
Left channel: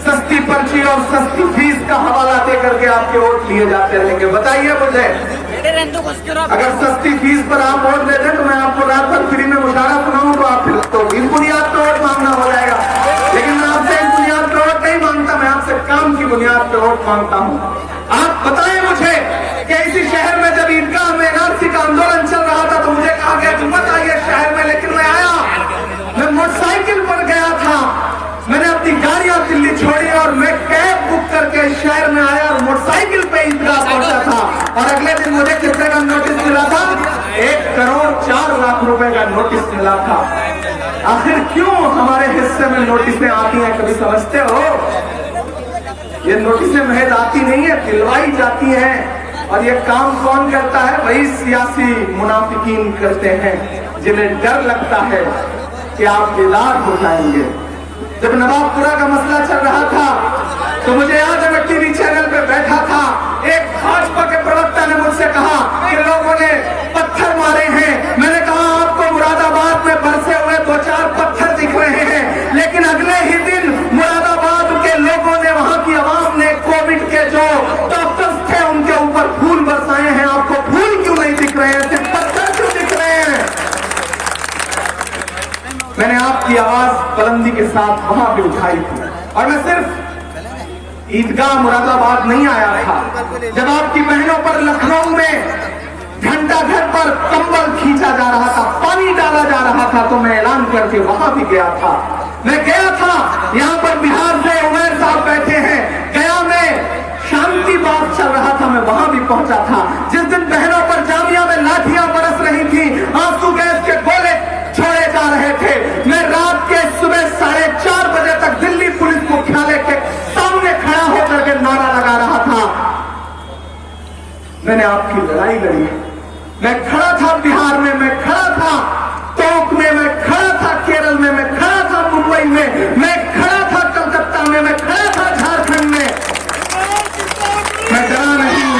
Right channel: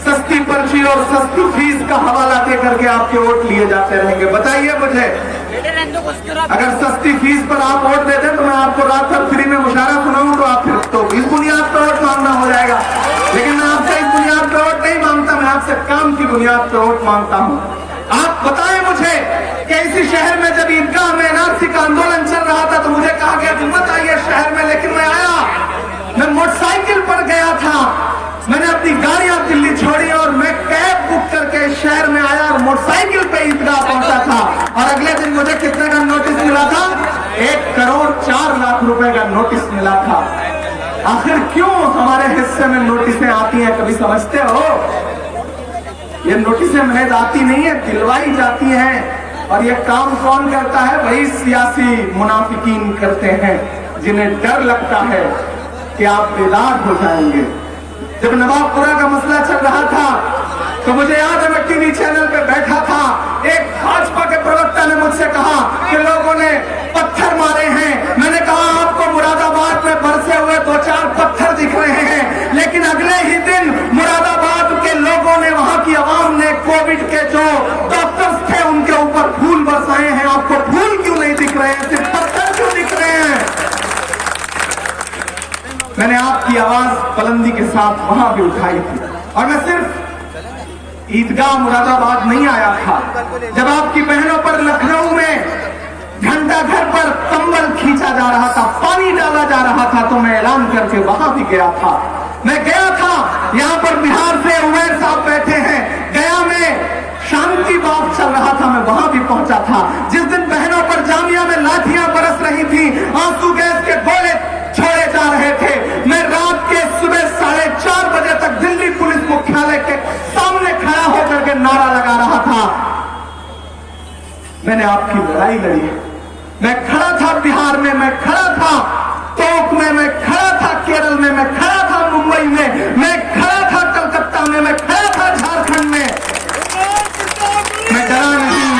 सस्ती पर्ची और सस्ती फीस का हवाला दे करके आपके वोट लिए जाते रहेंगे, बताइए मुझे। अगर सस्ती फीस पर आप वोट दे दें तो मैं आपको रात भर फ्री में मुशारा सुनाऊं तो आप फिर तो इस बुनियाद पर वोट मांगना हो जाएगा, लेकिन मैं आपसे इस बुनियाद पर वोट नहीं मांगता, मैं आपसे काम की बुनियाद पर वोट मांगता हूं। आप बताएं मुझे कि इसी शहर में जब ईदगाह में एनआरसी का आंदोलन चल रहा था तो मुझे कहा गया कि मत आइए शहर में, लेकिन मैं आया, मैं मोटरसाइकिल पर गया था, मैंने अपनी गाड़ियां दिल्ली छोड़ी और मैं कैब बुक करके शहर में आया और मोटरसाइकिल पे ईदगाह पहुंचा था। और अगले दिन मुझे कितने का नोटिस मिला था, 1,04,00,000 रुपए का नोटिस मिला था। आखिर क्यों हमारे हिस्से में नोटिसें आती हैं, कभी समझते हो? ये नोटिसें महज आती नहीं है, दिलवाई जाती हैं। और ये काम कौन करता है? वही सियासी मुनाफिकीन करते हैं जिन्हें डर लगता है कि आप बेदार हो जाएंगे। जब नवाबपुरा का मसला चल रहा था तो मुझे याद है मैं टीवी चैनल पे बैठा था, एक भाजपा के प्रवक्ता ने मुझसे कहा कि लोगों ने पत्थर मारे हैं। मैंने कहा आपको मुरादाबाद में बरसे हुए 2-4 पत्थर दिख रहे हैं, लेकिन अगले ही दिन मुरादाबाद के लोगों ने, वहां की आवाम ने कोविड के जो डॉक्टर्स थे उनके ऊपर फूल बरसाए हैं। आपको फूल क्यों नहीं दिख रहे हैं, सिर्फ पत्थर क्यों दिख रहे हैं? मैंने आपकी आवाज बुलंदी के साथ वहां भी उठाई थी और मैं सिर्फ ईदगाह मुरादाबाद नहीं आया था। जब आपकी बहनों पर लखनऊ में घंटा घर पर कंबल खींचा जा रहा था, पानी डाला जा रहा था, तो मैं ऐलान करके वहां भी गया था। मैं गया था, यहां पर बिहार से उमैर साहब बैठे हैं, गया में शांति बाग चल रहा था, मैं वहां भी पहुंचा था। जिस दिन बहनों पर जामिया में लाठियां बरस रही थी, आंसू गैस के गोले छोड़े जा रहे थे, मैं रात के सुबह 4:30 बजे तक दिल्ली पुलिस मुख्यालय के सामने खड़ा होकर के नारा लगा रहा था, मैंने आपकी लड़ाई लड़ी। मैं खड़ा था बिहार में, मैं खड़ा था टोंक में, मैं खड़ा था केरल में, मैं खड़ा था मुंबई में, मैं खड़ा था कलकत्ता में, मैं खड़ा था झारखंड में। मैं डरा नहीं,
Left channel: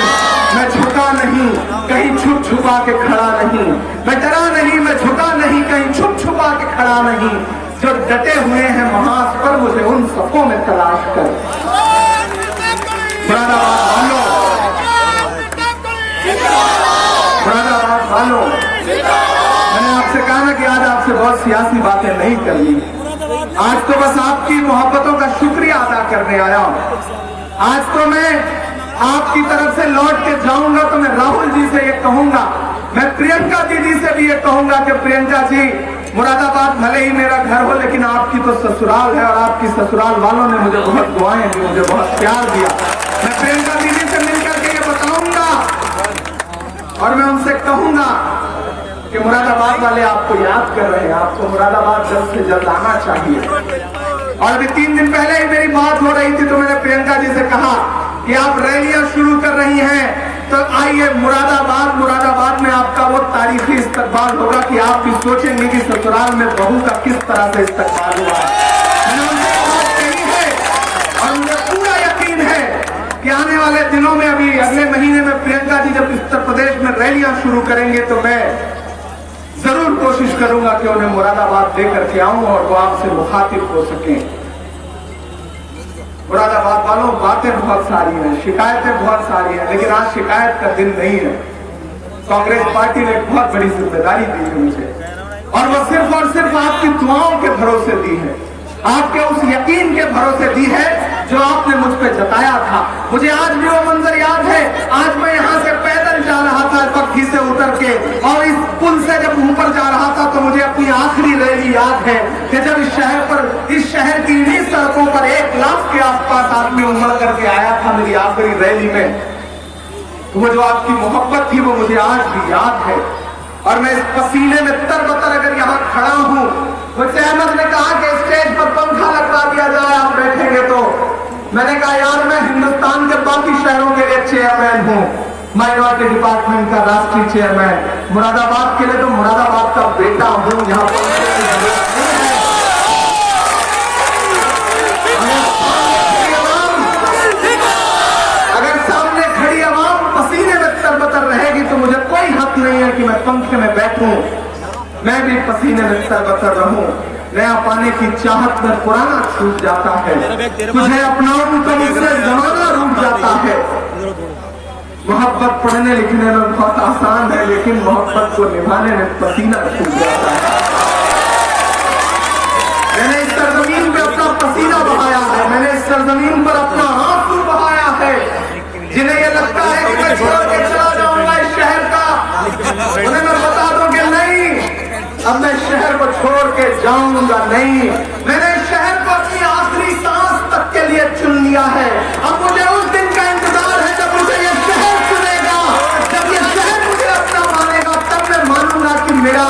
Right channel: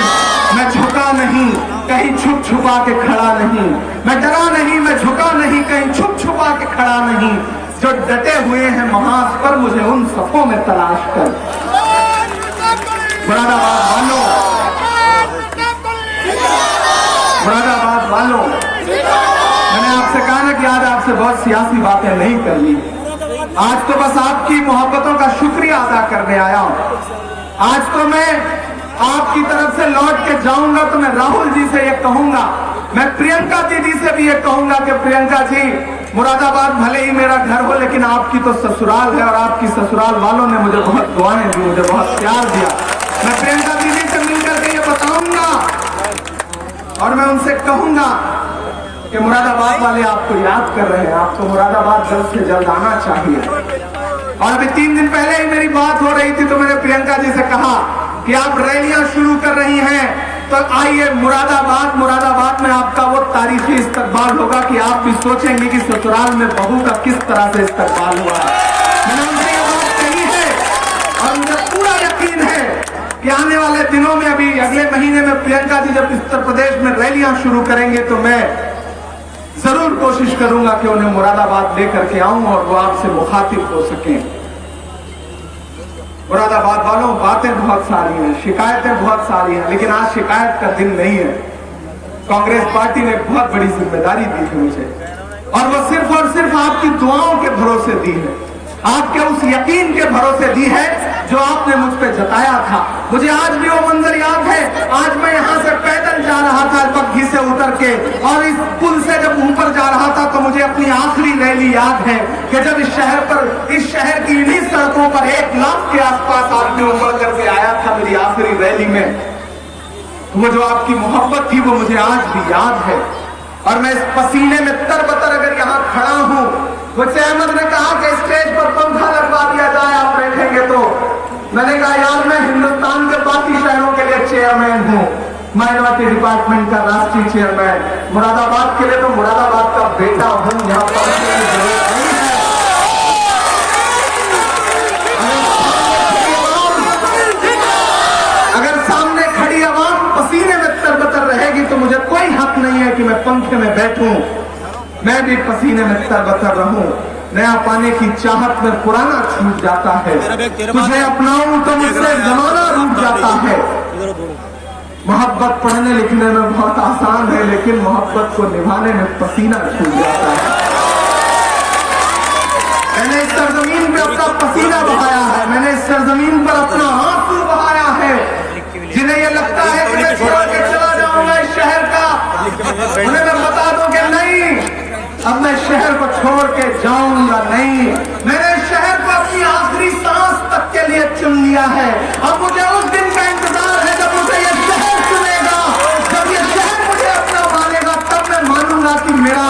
मैं झुका नहीं, कहीं छुप छुपा के खड़ा नहीं। मैं डरा नहीं, मैं झुका नहीं, कहीं छुप छुपा के खड़ा नहीं। जो डटे हुए हैं महाज पर, मुझे उन सबों में तलाश कर। मुरादाबाद वालों, मैंने आपसे कहा ना कि आज आपसे बहुत सियासी बातें नहीं करनी। आज तो बस आपकी मोहब्बतों का शुक्रिया अदा करने आया हूं। आज तो मैं आपकी तरफ से लौट के जाऊंगा तो मैं राहुल जी से ये कहूंगा, मैं प्रियंका दीदी से भी ये कहूंगा कि प्रियंका जी, मुरादाबाद भले ही मेरा घर हो लेकिन आपकी तो ससुराल है और आपकी ससुराल वालों ने मुझे बहुत दुआएं दी, मुझे बहुत प्यार दिया। मैं प्रियंका दीदी से मिलकर के ये बताऊंगा और मैं उनसे कहूंगा कि मुरादाबाद वाले आपको याद कर रहे हैं, आपको मुरादाबाद जल्द से जल्द आना चाहिए। और अभी 3 दिन पहले ही मेरी बात हो रही थी तो मैंने प्रियंका जी से कहा कि आप रैलियां शुरू कर रही हैं तो आइए मुरादाबाद में आपका वो तारीखी इस्तकबाल होगा कि आप भी सोचेंगे कि ससुराल में बहू का किस तरह से इस्तकबाल हुआ। मैंने उनसे ये बात कही है और मुझे पूरा यकीन है कि आने वाले दिनों में, अभी अगले महीने में प्रियंका जी जब उत्तर प्रदेश में रैलियां शुरू करेंगे तो मैं जरूर कोशिश करूंगा कि उन्हें मुरादाबाद लेकर के आऊं और वो आपसे मुखातिब हो सके। मुरादाबाद वालों, बातें बहुत सारी हैं, शिकायतें बहुत सारी हैं, लेकिन आज शिकायत का दिन नहीं है। कांग्रेस पार्टी ने एक बहुत बड़ी जिम्मेदारी दी थी मुझे और वो सिर्फ और सिर्फ आपकी दुआओं के भरोसे दी है, आपके उस यकीन के भरोसे दी है जो आपने मुझ पे जताया था। मुझे आज भी वो मंजर याद है, आज मैं यहाँ से पैदल जा रहा था पग्घी से उतर के और इस पुल से जब ऊपर जा रहा था तो मुझे अपनी आखिरी रैली याद है कि जब इस शहर की इन्हीं सड़कों पर 1 लाख के आसपास आदमी उमड़ करके आया था मेरी आखिरी रैली में। वो जो आपकी मोहब्बत थी वो मुझे आज भी याद है और मैं इस पसीने में तरबतर अगर यहाँ खड़ा हूँ। मुझसे अहमद ने कहा कि स्टेज पर पंखा लगवा दिया जाए, आप बैठेंगे तो। मैंने कहा यार, मैं हिंदुस्तान के बाकी शहरों के लिए चेयरमैन हूँ, माइनॉरिटी डिपार्टमेंट का राष्ट्रीय चेयरमैन। मुरादाबाद के लिए तो मुरादाबाद का बेटा हूँ, यहाँ पर अगर सामने खड़ी आवाम पसीने में तरबतर रहेगी तो मुझे कोई हक नहीं है कि मैं पंखे में बैठूं। मैं भी पसीने में तरबतर रहूं। नया पाने की चाहत में पुराना छूट जाता है, तुझे अपनाऊं तो मुझसे जमाना रूठ जाता है। मोहब्बत पढ़ने लिखने में बहुत आसान है लेकिन मोहब्बत को निभाने में पसीना छूट जाता है। मैंने इस सरजमीन पे अपना पसीना बहाया है, मैंने इस सरजमीन पर अपना आंसू बहाया है। जिन्हें ये लगता है कि मैं छोड़ के चला जाऊंगा इस शहर का, उन्हें मैं बता दूं कि नहीं, अब मैं शहर को छोड़ के जाऊंगा नहीं। मैंने इस शहर को अपनी आखिरी सांस तक के लिए चुन लिया है। अब मुझे उस दिन का इंतजार है जब मुझे ये शहर चुनेगा, जब ये शहर मुझे अपना मानेगा, तब मैं मानूंगा कि मेरा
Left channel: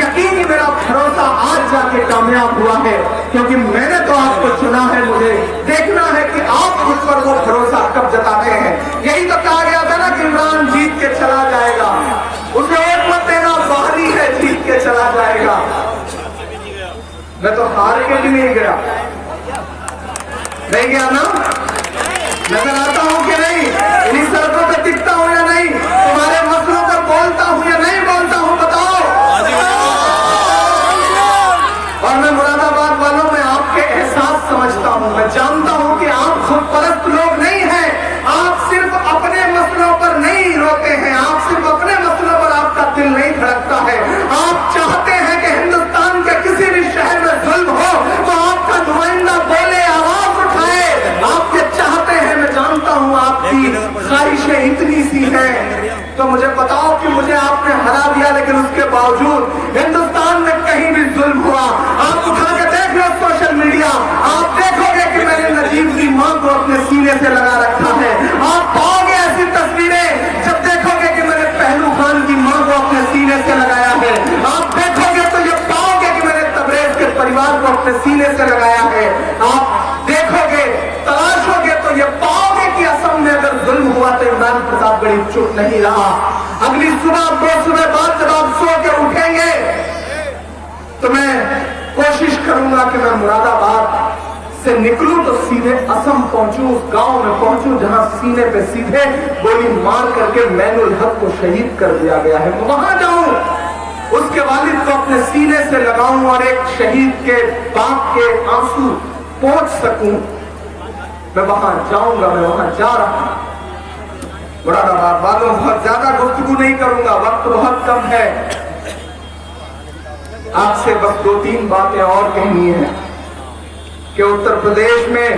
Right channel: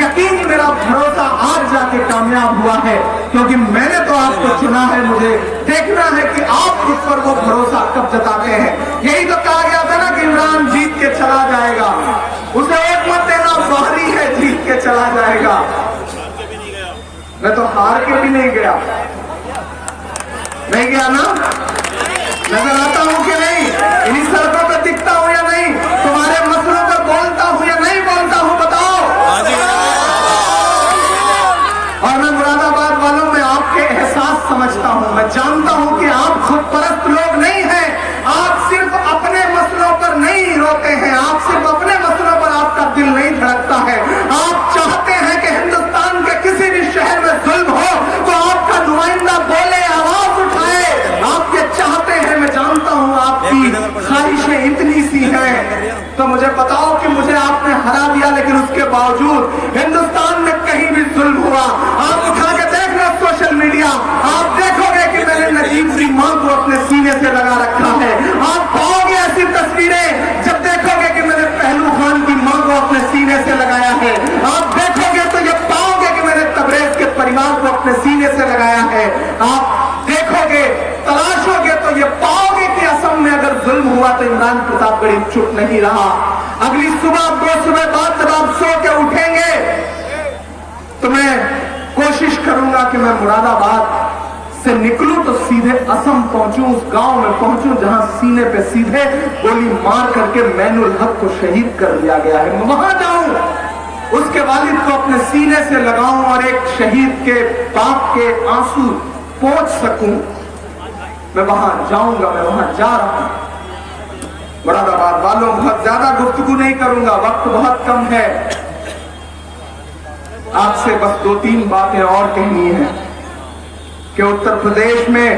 यकीन, मेरा भरोसा आज जाके कामयाब हुआ है, क्योंकि मैंने तो आपको चुना है। मुझे देखना है कि आप मुझ पर वो भरोसा कब जताते हैं। यही तो कहा गया था ना कि इमरान जीत के चला जाएगा, उसे वोट मत देना, बाहरी है, जीत के चला जाएगा। मैं तो हार के भी नहीं गया ना, नजर आता हूं कि नहीं, इन्हीं सड़कों पर दिखता हूं या नहीं, तुम्हारे मसलों पर बोलता हूं या नहीं बोलता हूं, बताओ। और मैं मुरादाबाद वालों में आपके एहसास समझता हूं, मैं जानता हूं कि आप खुद परस्त लोग नहीं हैं, आप सिर्फ अपने मसलों पर नहीं रोते हैं, आप सिर्फ अपने मसलों पर आपका दिल नहीं धड़कता है। आप चाहते हैं कि हिंदुस्तान के किसी भी शहर में जुल्म हो तो आपका नुमाइंदा बोले, आवाज उठाए, आप ये चाहते हैं। मैं जानता हूं आपकी ख्वाहिशें इतनी सी हैं, तो मुझे बताओ कि मुझे आपने हरा दिया लेकिन उसके बावजूद हिंदुस्तान में कहीं भी जुल्म हुआ, आप उठा के देख लो सोशल मीडिया, आप देखोगे कि मैंने नजीब की मां को अपने सीने से लगा रखा है। आप पाओगे ऐसी तस्वीरें जब देखोगे कि मैंने पहलू खान की मां को अपने सीने से लगाया है। आप देखोगे तो ये पाओगे कि मैंने तबरेज के परिवार को अपने सीने से लगाया है। आप देखोगे, तलाशोगे तो ये पाओगे कि असम में अगर जुल्म हुआ तो इमरान प्रतापगढ़ी चुप नहीं रहा। अगली सुबह 2 सुबह बाद जब आप सो के उठेंगे तो मैं कोशिश करूंगा कि मैं मुरादाबाद से निकलूं तो सीधे असम पहुंचूं, उस गांव में पहुंचूं जहां सीने पे सीधे गोली मार करके मैनुल हक को शहीद कर दिया गया है। वहां जाऊं, उसके वालिद को अपने सीने से लगाऊं और एक शहीद के बाप के आंसू पहुंच सकूं। मैं वहां जाऊंगा, मैं वहां जा रहा हूं। मुरादाबाद वालों, बहुत ज्यादा गुफ्तगू नहीं करूंगा, वक्त बहुत कम है। आपसे बस 2-3 बातें और कहनी है। कि उत्तर प्रदेश में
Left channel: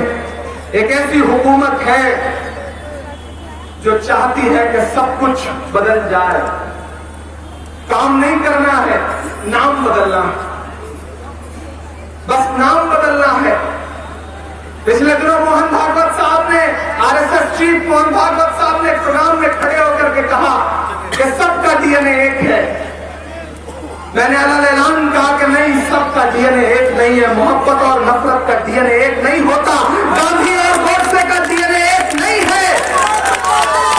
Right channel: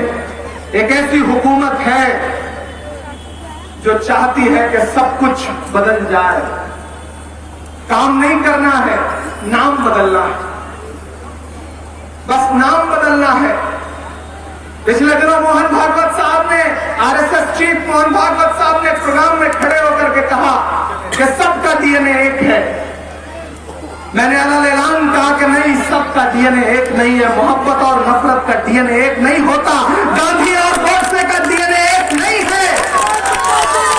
एक ऐसी हुकूमत है जो चाहती है कि सब कुछ बदल जाए। काम नहीं करना है, नाम बदलना है, बस नाम बदलना है। पिछले दिनों मोहन भागवत साहब ने, आरएसएस चीफ मोहन भागवत साहब ने प्रोग्राम में खड़े होकर के कहा कि सबका डीएनए एक है। मैंने अलग ऐलान कहा कि नहीं, सबका डीएनए एक नहीं है। मोहब्बत और नफरत का डीएनए एक नहीं होता। गांधी और गोडसे का डीएनए एक नहीं है।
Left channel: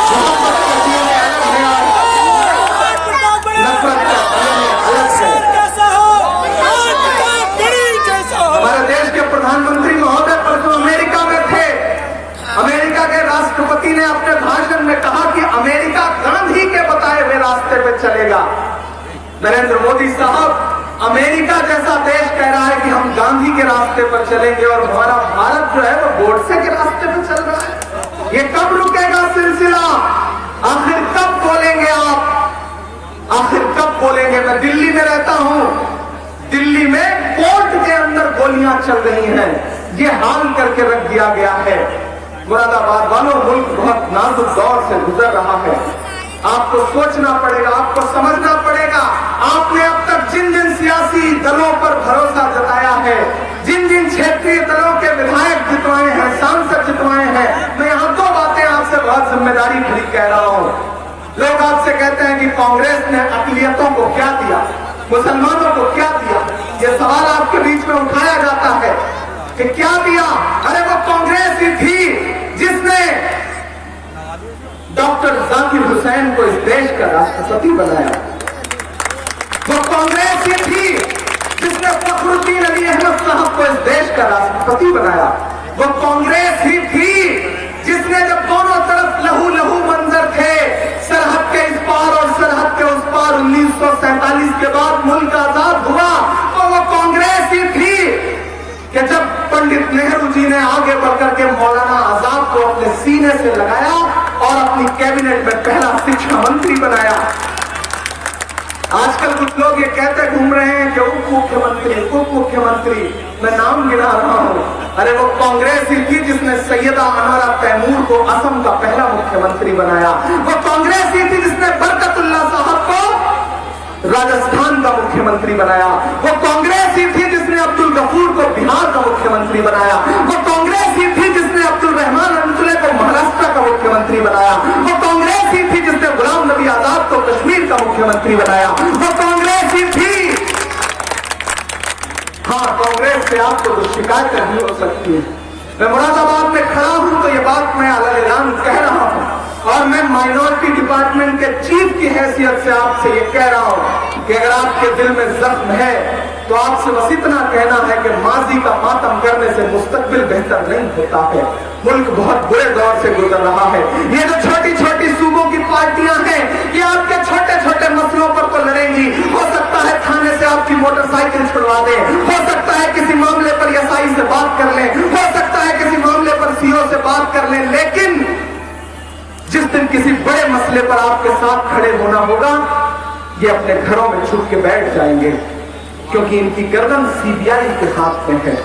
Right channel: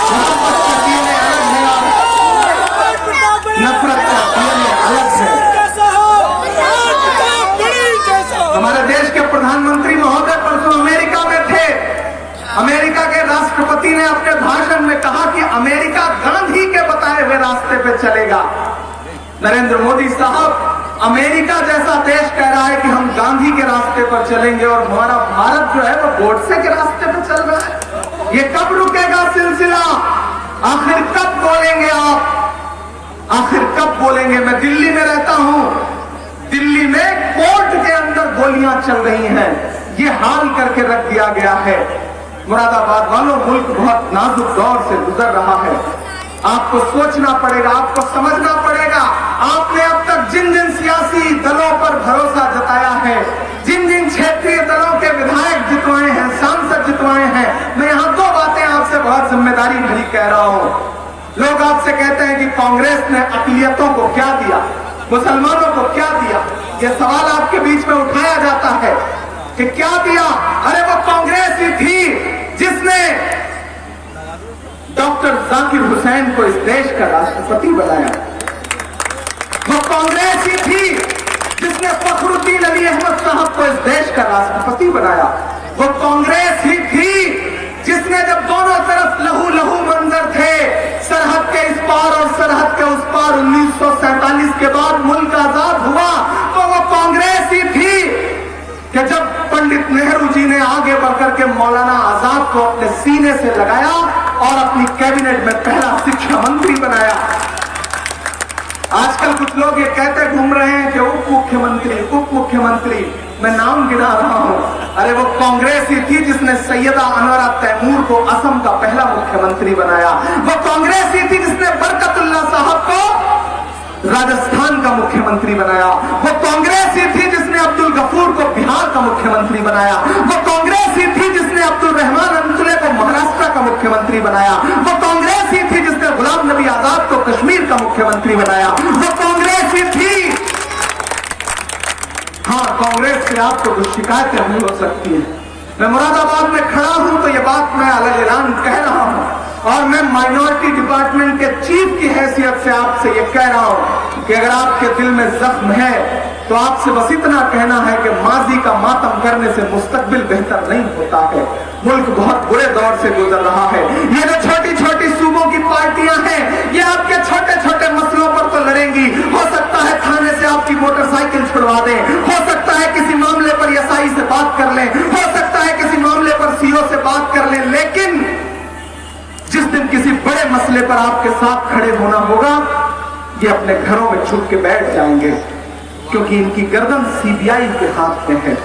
मोहब्बत का डीएनए अलग है, नफरत का डीएनए अलग है। हमारे देश के प्रधानमंत्री महोदय परसों अमेरिका में थे। अमेरिका के राष्ट्रपति ने अपने भाषण में कहा कि अमेरिका गांधी के बताए हुए रास्ते पे चलेगा। नरेंद्र मोदी साहब अमेरिका जैसा देश कह रहा है कि हम गांधी के रास्ते पर चलेंगे और हमारा भारत जो है वो गोडसे के रास्ते पर चल रहा है। ये कब रुकेगा सिलसिला? आखिर कब बोलेंगे आप? आखिर कब बोलेंगे? मैं दिल्ली में रहता हूं। दिल्ली में कोर्ट के अंदर गोलियां चल रही हैं। ये हाल करके रख दिया गया है। मुरादाबाद वालों, मुल्क बहुत नाजुक दौर से गुजर रहा है। आपको सोचना पड़ेगा, आपको समझना पड़ेगा। आपने अब तक जिन जिन सियासी दलों पर भरोसा जताया है, जिन जिन क्षेत्रीय दलों के विधायक जितवाए हैं, सांसद जितवाए हैं, मैं यहां दो बातें आपसे बहुत जिम्मेदारी भरी कह रहा हूं। लोग आपसे कहते हैं कि कांग्रेस ने अकलियतों को क्या दिया, मुसलमानों को क्या दिया। यह सवाल आपके बीच में उठाया जाता है कि क्या दिया। अरे वो कांग्रेस ही थी जिसने डॉक्टर जाकिर हुसैन को इस देश का राष्ट्रपति बनाया। वो कांग्रेस ही थी जिसने फखरुद्दीन अली अहमद साहब को इस देश का राष्ट्रपति बनाया। वो कांग्रेस ही थी जिसने जब दोनों तरफ लहू लहू मंजर थे, सरहद के इस पार और सरहद के उस पार, 1947 के बाद मुल्क आजाद हुआ, तो वो कांग्रेस ही थी कि जब पंडित नेहरू जी ने आगे बढ़कर के मौलाना आजाद को अपने सीने से लगाया और अपनी कैबिनेट में पहला शिक्षा मंत्री बनाया। आजकल कुछ लोग ये कहते घूम रहे हैं कि उप मुख्यमंत्री, मैं नाम गिना रहा हूं। अरे वो कांग्रेस ही थी जिसने सैयदा अनवरा तैमूर को असम का पहला मुख्यमंत्री बनाया। वो कांग्रेस ही थी जिसने बरकतुल्लाह साहब को राजस्थान का मुख्यमंत्री बनाया। वो कांग्रेस ही थी जिसने अब्दुल गफूर को बिहार का मुख्यमंत्री बनाया। वो कांग्रेस ही थी जिसने अब्दुल रहमान अंजुले को महाराष्ट्र का मुख्यमंत्री बनाया। वो कांग्रेस ही थी जिसने गुलाम नबी आजाद को कश्मीर का मुख्यमंत्री बनाया। वो कांग्रेस ही थी। हाँ, कांग्रेस से आपको कुछ शिकायत नहीं हो सकती है। मैं मुरादाबाद में खड़ा हूं तो ये बात मैं अलग ऐलान कह रहा हूं और मैं माइनॉरिटी डिपार्टमेंट के चीफ की हैसियत से आपसे ये कह रहा हूं कि अगर आपके दिल में जख्म है तो आपसे बस इतना कहना है कि माजी का मातम करने से मुस्तकबिल बेहतर नहीं होता है। मुल्क बहुत बुरे दौर से गुजर रहा है। ये जो छोटी छोटी सूबों की पार्टियां हैं, ये आपके छोटे छोटे मसलों पर तो लड़ेंगी। हो सकता है थाने से आपकी मोटरसाइकिल छुड़वा दें, हो सकता है किसी मामले पर एसआई से बात कर लें, हो सकता है किसी मामले पर सीओ से बात कर लें, लेकिन जिस दिन किसी बड़े मसले पर आपके साथ खड़े होना होगा, ये अपने घरों में छुप के बैठ जाएंगे, क्योंकि इनकी गर्दन सीबीआई के हाथ में है।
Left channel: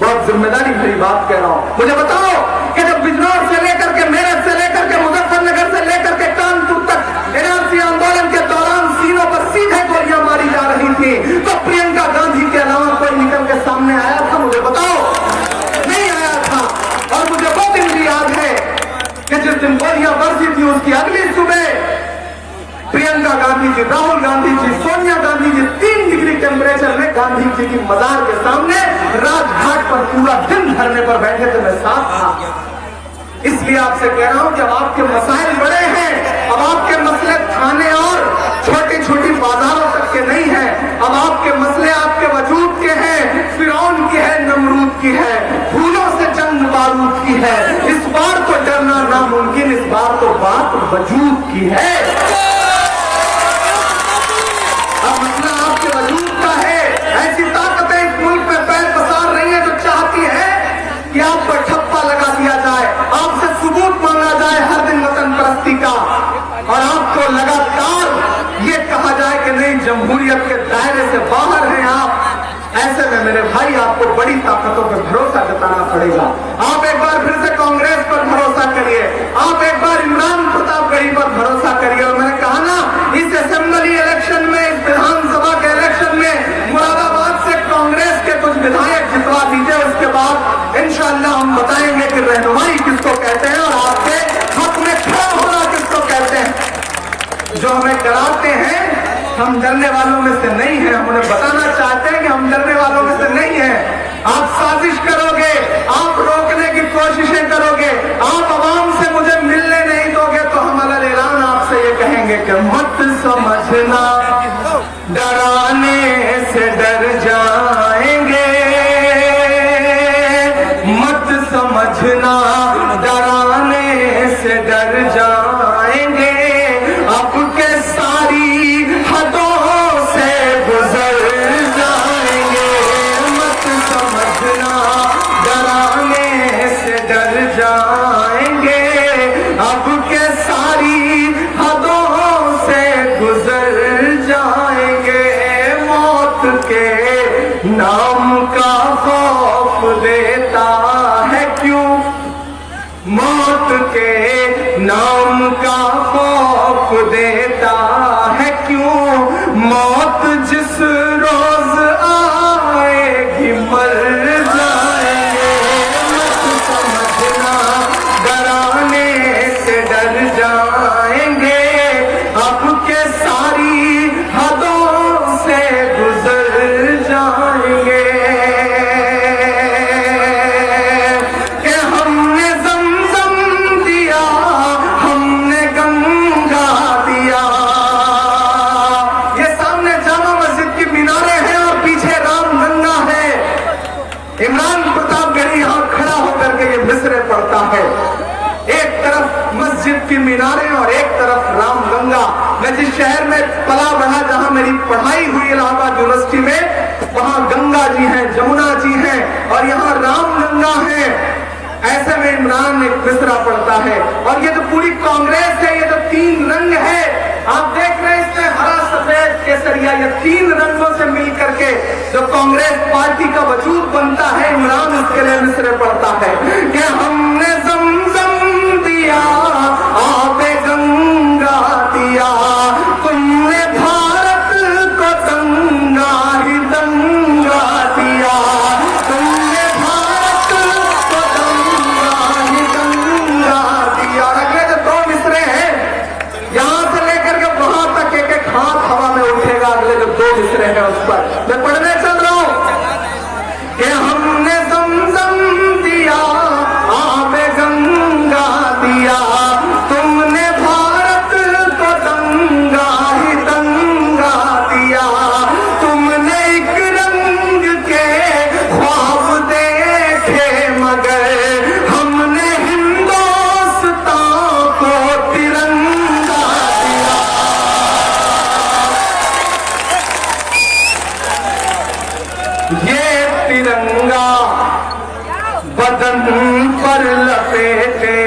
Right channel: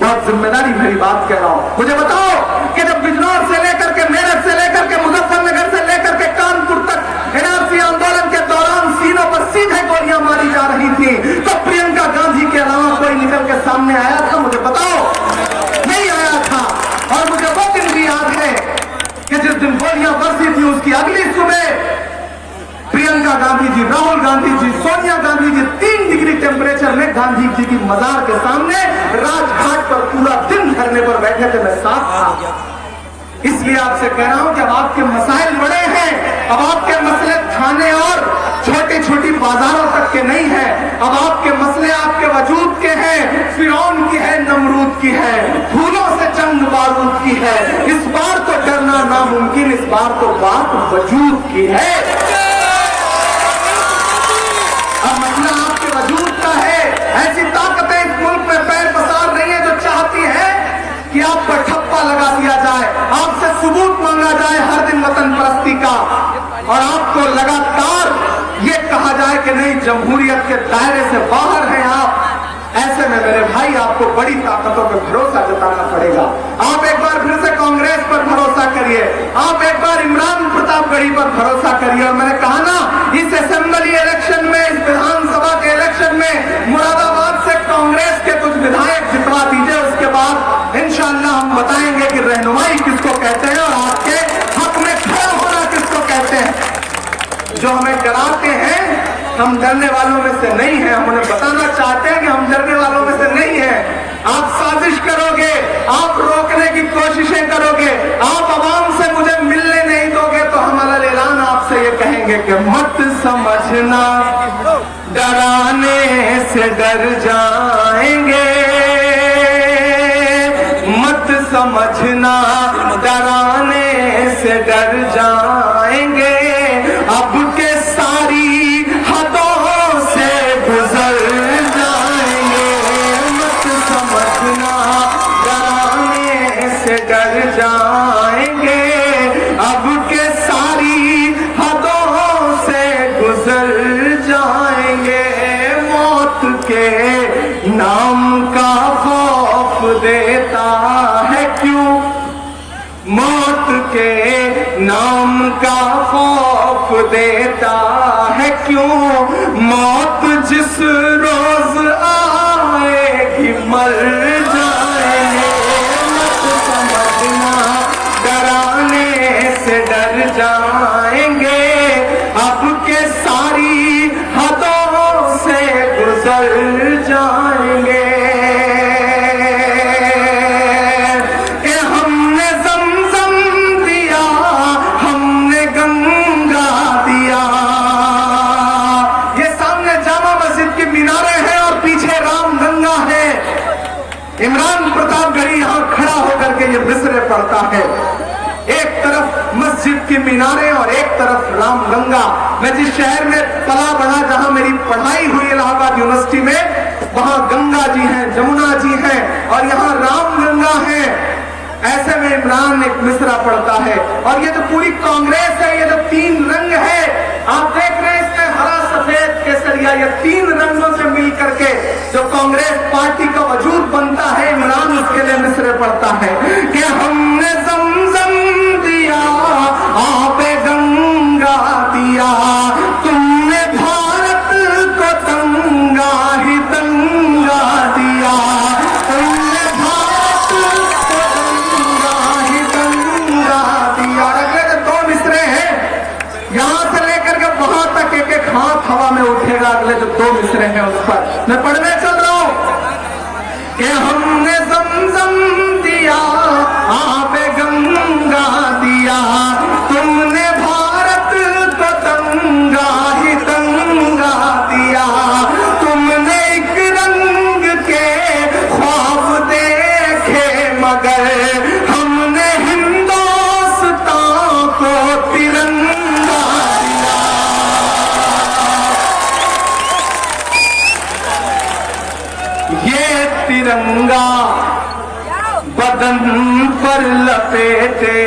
बहुत जिम्मेदारी भरी बात कह रहा हूं। मुझे बताओ कि जब बिजनौर से लेकर के, मेरठ से लेकर के, मुजफ्फरनगर से लेकर के कानपुर तक एनआरसी आंदोलन के दौरान सीनों पर सीधे गोलियां मारी जा रही थी, तो प्रियंका गांधी के अलावा कोई निकल के सामने आया था? मुझे बताओ, नहीं आया था। और मुझे वो दिन भी याद है कि जिस दिन गोलियां बरसी थी उसकी अगली सुबह प्रियंका गांधी जी, राहुल गांधी जी, सोनिया गांधी जी 3 डिग्री टेम्परेचर में गांधी जी की मजार के सामने राजघाट पर पूरा दिन धरने पर बैठे थे। मैं साथ था। इसलिए आपसे कह रहा हूं कि अब आपके मसाइल बड़े हैं। अब आपके मसले थाने और छोटी छोटी बाजारों तक के नहीं है। अब आपके मसले आपके वजूद के हैं। फिरौन की है, नमरूद की है, फूलों से जंग बारूद की है। इस बार तो डरना नामुमकिन, इस बार तो बात वजूद की है। ऐसी ताकतें इस मुल्क में पैर पसार रही है जो चाहती है कि आप पर ठप्पा लगा दिया जाए, आपसे सबूत मांगा जाए हर दिन वतन परस्ती का, और आपको लगातार ये कहा जाए कि नहीं, जमहूरियत के दायरे से बाहर हैं आप। ऐसे में मेरे भाई आपको बड़ी ताकतों पर भरोसा जताना पड़ेगा। आप एक बार फिर से कांग्रेस पर भरोसा करिए, आप एक बार इमरान प्रतापगढ़ी पर भरोसा करिए। और मैंने कहा ना, इस असेंबली इलेक्शन में, इस विधानसभा के इलेक्शन में मुरादाबाद से कांग्रेस के कुछ विधायक जितवा दीजिए, उसके बाद इंशाअल्लाह हम बताएंगे कि रहनुमाई किसको कहते हैं और आपके हक में खड़ा होना किसको कहते हैं। जो हमें डराते हैं, हम डरने वालों में से नहीं है। हम उन्हें बताना चाहते हैं कि हम डरने वालों में से नहीं है। आप साजिश करोगे, आप रोकने की कोशिशें करोगे, आप आवाम से मुझे मिलने नहीं दोगे, तो हमारा ऐलान आपसे ये कहेंगे कि मत समझना डराने से डर जाएंगे, मत समझना डराने से डर जाएंगे, अब के सारी हदों से गुजर जाएंगे, मत समझना डराने से डर जाएंगे, अब के सारी हदों से गुजर जाएंगे, मौत के नाम का खौफ देता है क्यों, मौत के नाम का खौफ देता है क्यों, मौत जिस रोज आएगी मर जाएंगे, मत समझना डराने से डर जाएंगे, अब के सारी हदों से गुजर जाएंगे। कि हमने ज़मज़म दिया, हमने गंगा दिया। ये सामने जामा मस्जिद की मीनारें हैं और पीछे रामगंगा है। इमरान प्रतापगढ़ी यहां खड़ा होकर के ये मिसरे पढ़ता है। एक तरफ मस्जिद की मीनारें और एक तरफ रामगंगा। मैं जिस शहर में पला बढ़ा, जहां मेरी पढ़ाई हुई इलाहाबाद यूनिवर्सिटी में, वहां गंगा जी हैं, जमुना जी हैं और यहाँ रामगंगा है। ऐसे में इमरान एक मिसरा पड़ता है। और ये तो पूरी कांग्रेस है, ये तो तीन रंग है, आप देख रहे हैं इसमें हरा सफेद केसरिया, ये तीन रंगों से मिल करके जो कांग्रेस पार्टी का वजूद बनता है, इमरान उसके लिए मिसरे पड़ता है कि हमने ज़मज़म दिया, आपे गंगा दिया, तुमने भारत को दंगा ही दंगा दिया, तुमने भारत को दंगा ही दंगा दिया। अगले जो दो मिसरे हैं, यहां से लेकर के वहां तक एक एक हाथ हवा में उठेगा। अगले जो दो मिसरे हैं उस पर मैं पढ़ने चल रहा हूं कि हमने ज़मज़म दिया, आपे गंगा दिया, तुमने भारत को दंगा ही दंगा दिया, तुमने एक रंग के ख्वाब देखे मगर हमने हिंदुस्तान को तिरंगा दिया। ये तिरंगा बदन पर लपेटे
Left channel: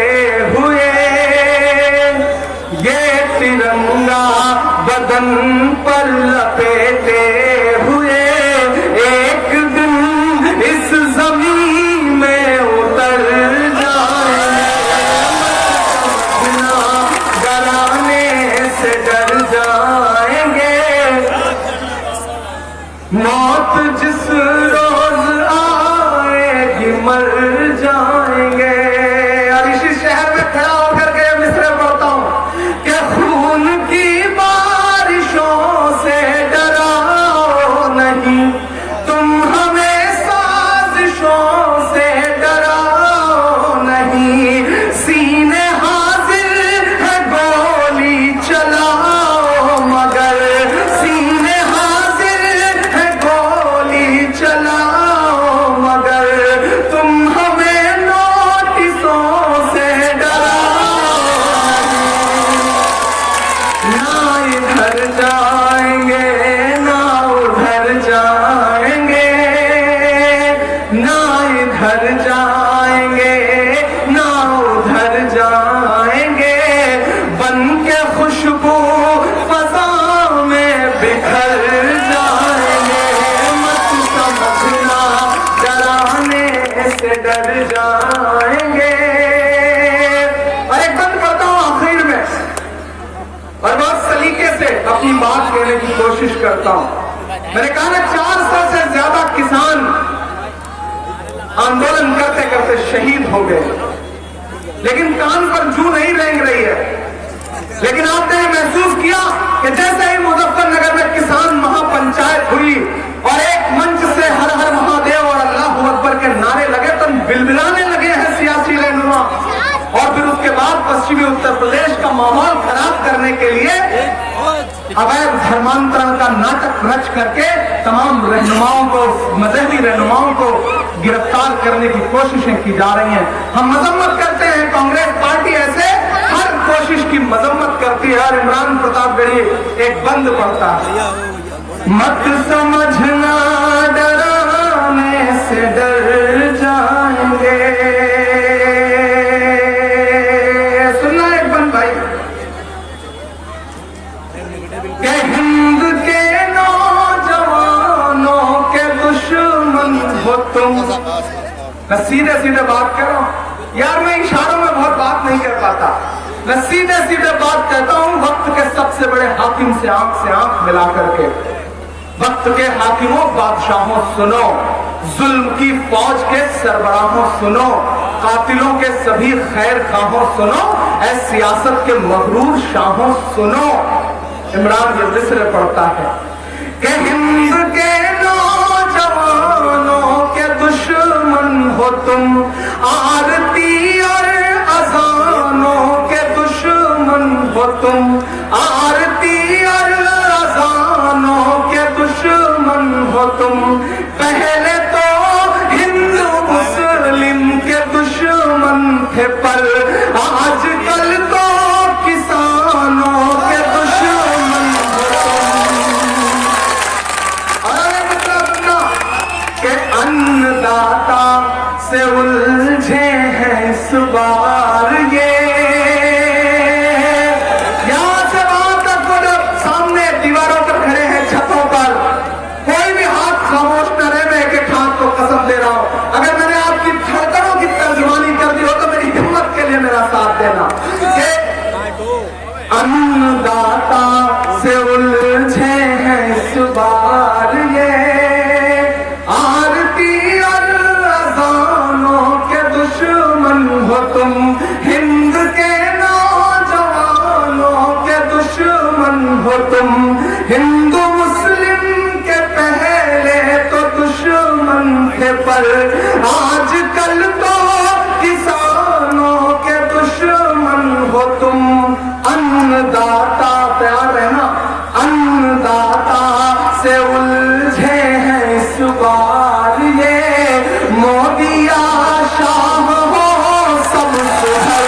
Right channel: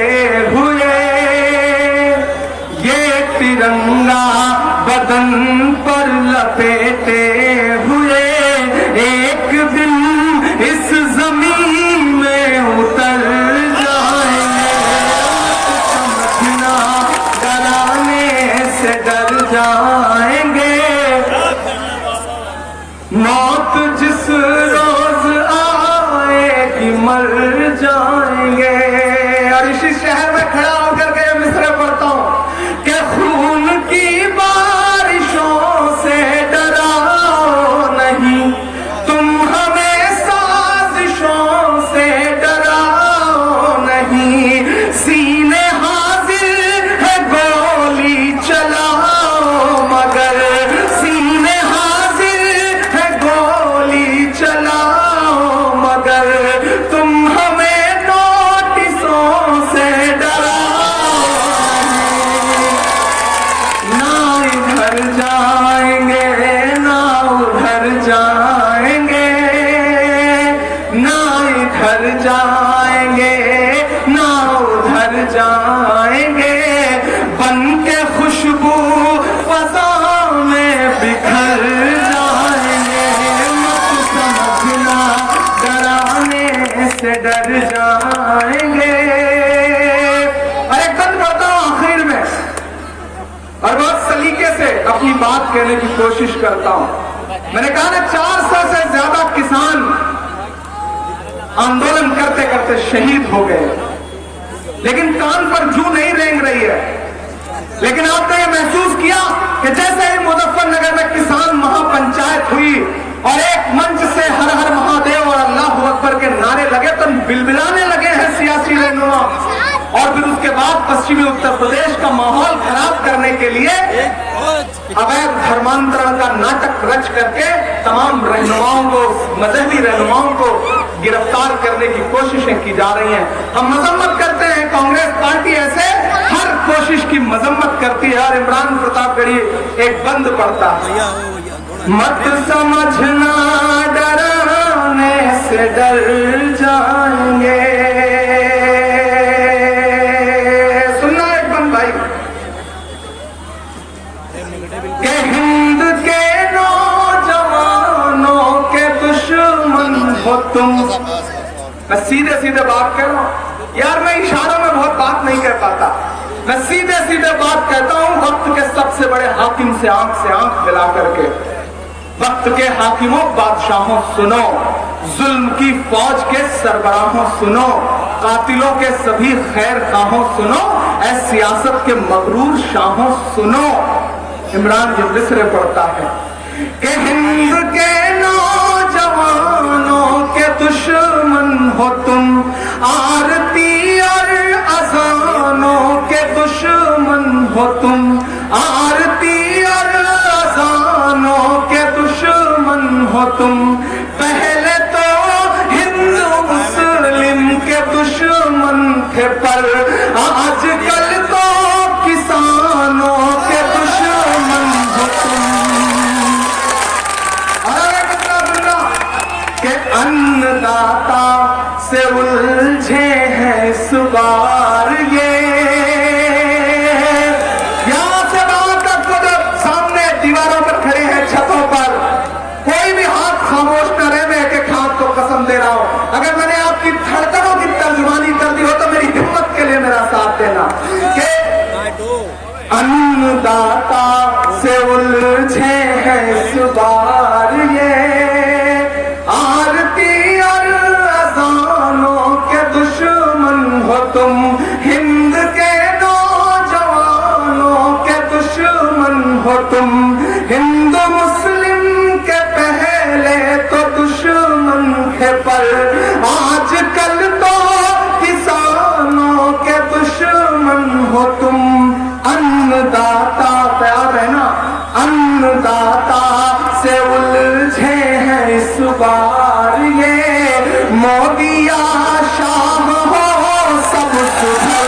हुए, ये तिरंगा बदन पर लपेटे हुए, एक दिन इस जमीन में उतर जाएंगे, समझना डराने से डर जाएंगे, मौत जिस रोज आएगी मर जाएंगे। और इसी शहर में खड़ा होकर के मिसरे पढ़ता हूं कि खून की बारिशों से डराओ नहीं, तुम हमें साजिशों से डराओ नहीं, सीने हाजिर है गोली चलाओ मगर, सीने हाजिर है गोली चलाओ मगर, तुम हमें नोटिसों से डराओ ना, इधर जाएंगे ना उधर जाएंगे, ना इधर जाएंगे ना उधर जाएंगे, बन के खुशबू फजा में बिखर जाएंगे, मत समझ अपनी बात कहने की कोशिश करता हूं। मैंने कहा ना 400 से ज्यादा किसान आंदोलन करते करते शहीद हो गए, लेकिन कान पर जू नहीं रेंग रही है। लेकिन आपने ये महसूस किया कि जैसे ही मुजफ्फरनगर में किसान महापंचायत हुई और एक मंच से हर हर महादेव और अल्लाह अकबर के नारे लगे तो बिलबिलाने लगे हैं सियासी रहनुमा। और फिर उसके बाद पश्चिमी उत्तर प्रदेश का माहौल खराब करने के लिए अवैध धर्मांतरण का नाटक रच करके तमाम रहनुमाओं को, मजहबी रहनुमाओं को गिरफ्तार करने की कोशिशें की जा रही हैं। हम मजम्मत करते हैं, कांग्रेस पार्टी ऐसे हर कोशिश की मजम्मत करती है। और इमरान प्रतापगढ़ी एक बंद पड़ता है, मत समझना डराने से डर जाएंगे। सुनना एक बंद भाई, के हिंद के नौजवानों के दुश्मन हो तुम। मैं सीधे सीधे बात कर रहा हूं यार, मैं इशारों में बहुत बात नहीं कर पाता, मैं सीधे सीधे बात करता हूं। वक्त के सबसे बड़े हाकिम से आंख मिला करके, वक्त के हाकिमों बादशाहों सुनो, जुल्म की फौज के सरबराहों सुनो, कातिलों के सभी खैर खाहों सुनो, ऐ सियासत के मगरूर शाहों सुनो। इमरान जो मिस्र पढ़ता है कि हिंद के नौजवानों के दुश्मन हो तुम, आरती और अजानों के दुश्मन हो तुम, आरती और अजानों के दुश्मन हो तुम। पहले तो हिंदू मुस्लिम के दुश्मन थे, पर आजकल तो किसानों के दुश्मन हो तुम। अरे कितना के अन्नदाता से उलझे हैं इस बार ये, यहां से वहां तक सामने दीवारों पर खड़े हैं, छतों पर, कोई भी हाथ खामोश न रहे। मैं एक हाथ को कसम दे रहा हूं, अगर मैंने आपकी धड़कनों की तर्जुमानी कर दी हो तो मेरी हिम्मत के लिए मेरा साथ देना। कि अन्नदाता से उलझे हैं इस बार ये, आरती और अजानों के दुश्मन हो तुम, हिंद के नौजवानों के दुश्मन हो तुम। हिंदू मुस्लिम के पहले तो दुश्मन थे, पर आजकल तो किसानों के दुश्मन हो तुम। अन्नदाता प्यार है ना, अन्नदाता से उलझे हैं इस बार ये, मोदी शाह हो सब सुधर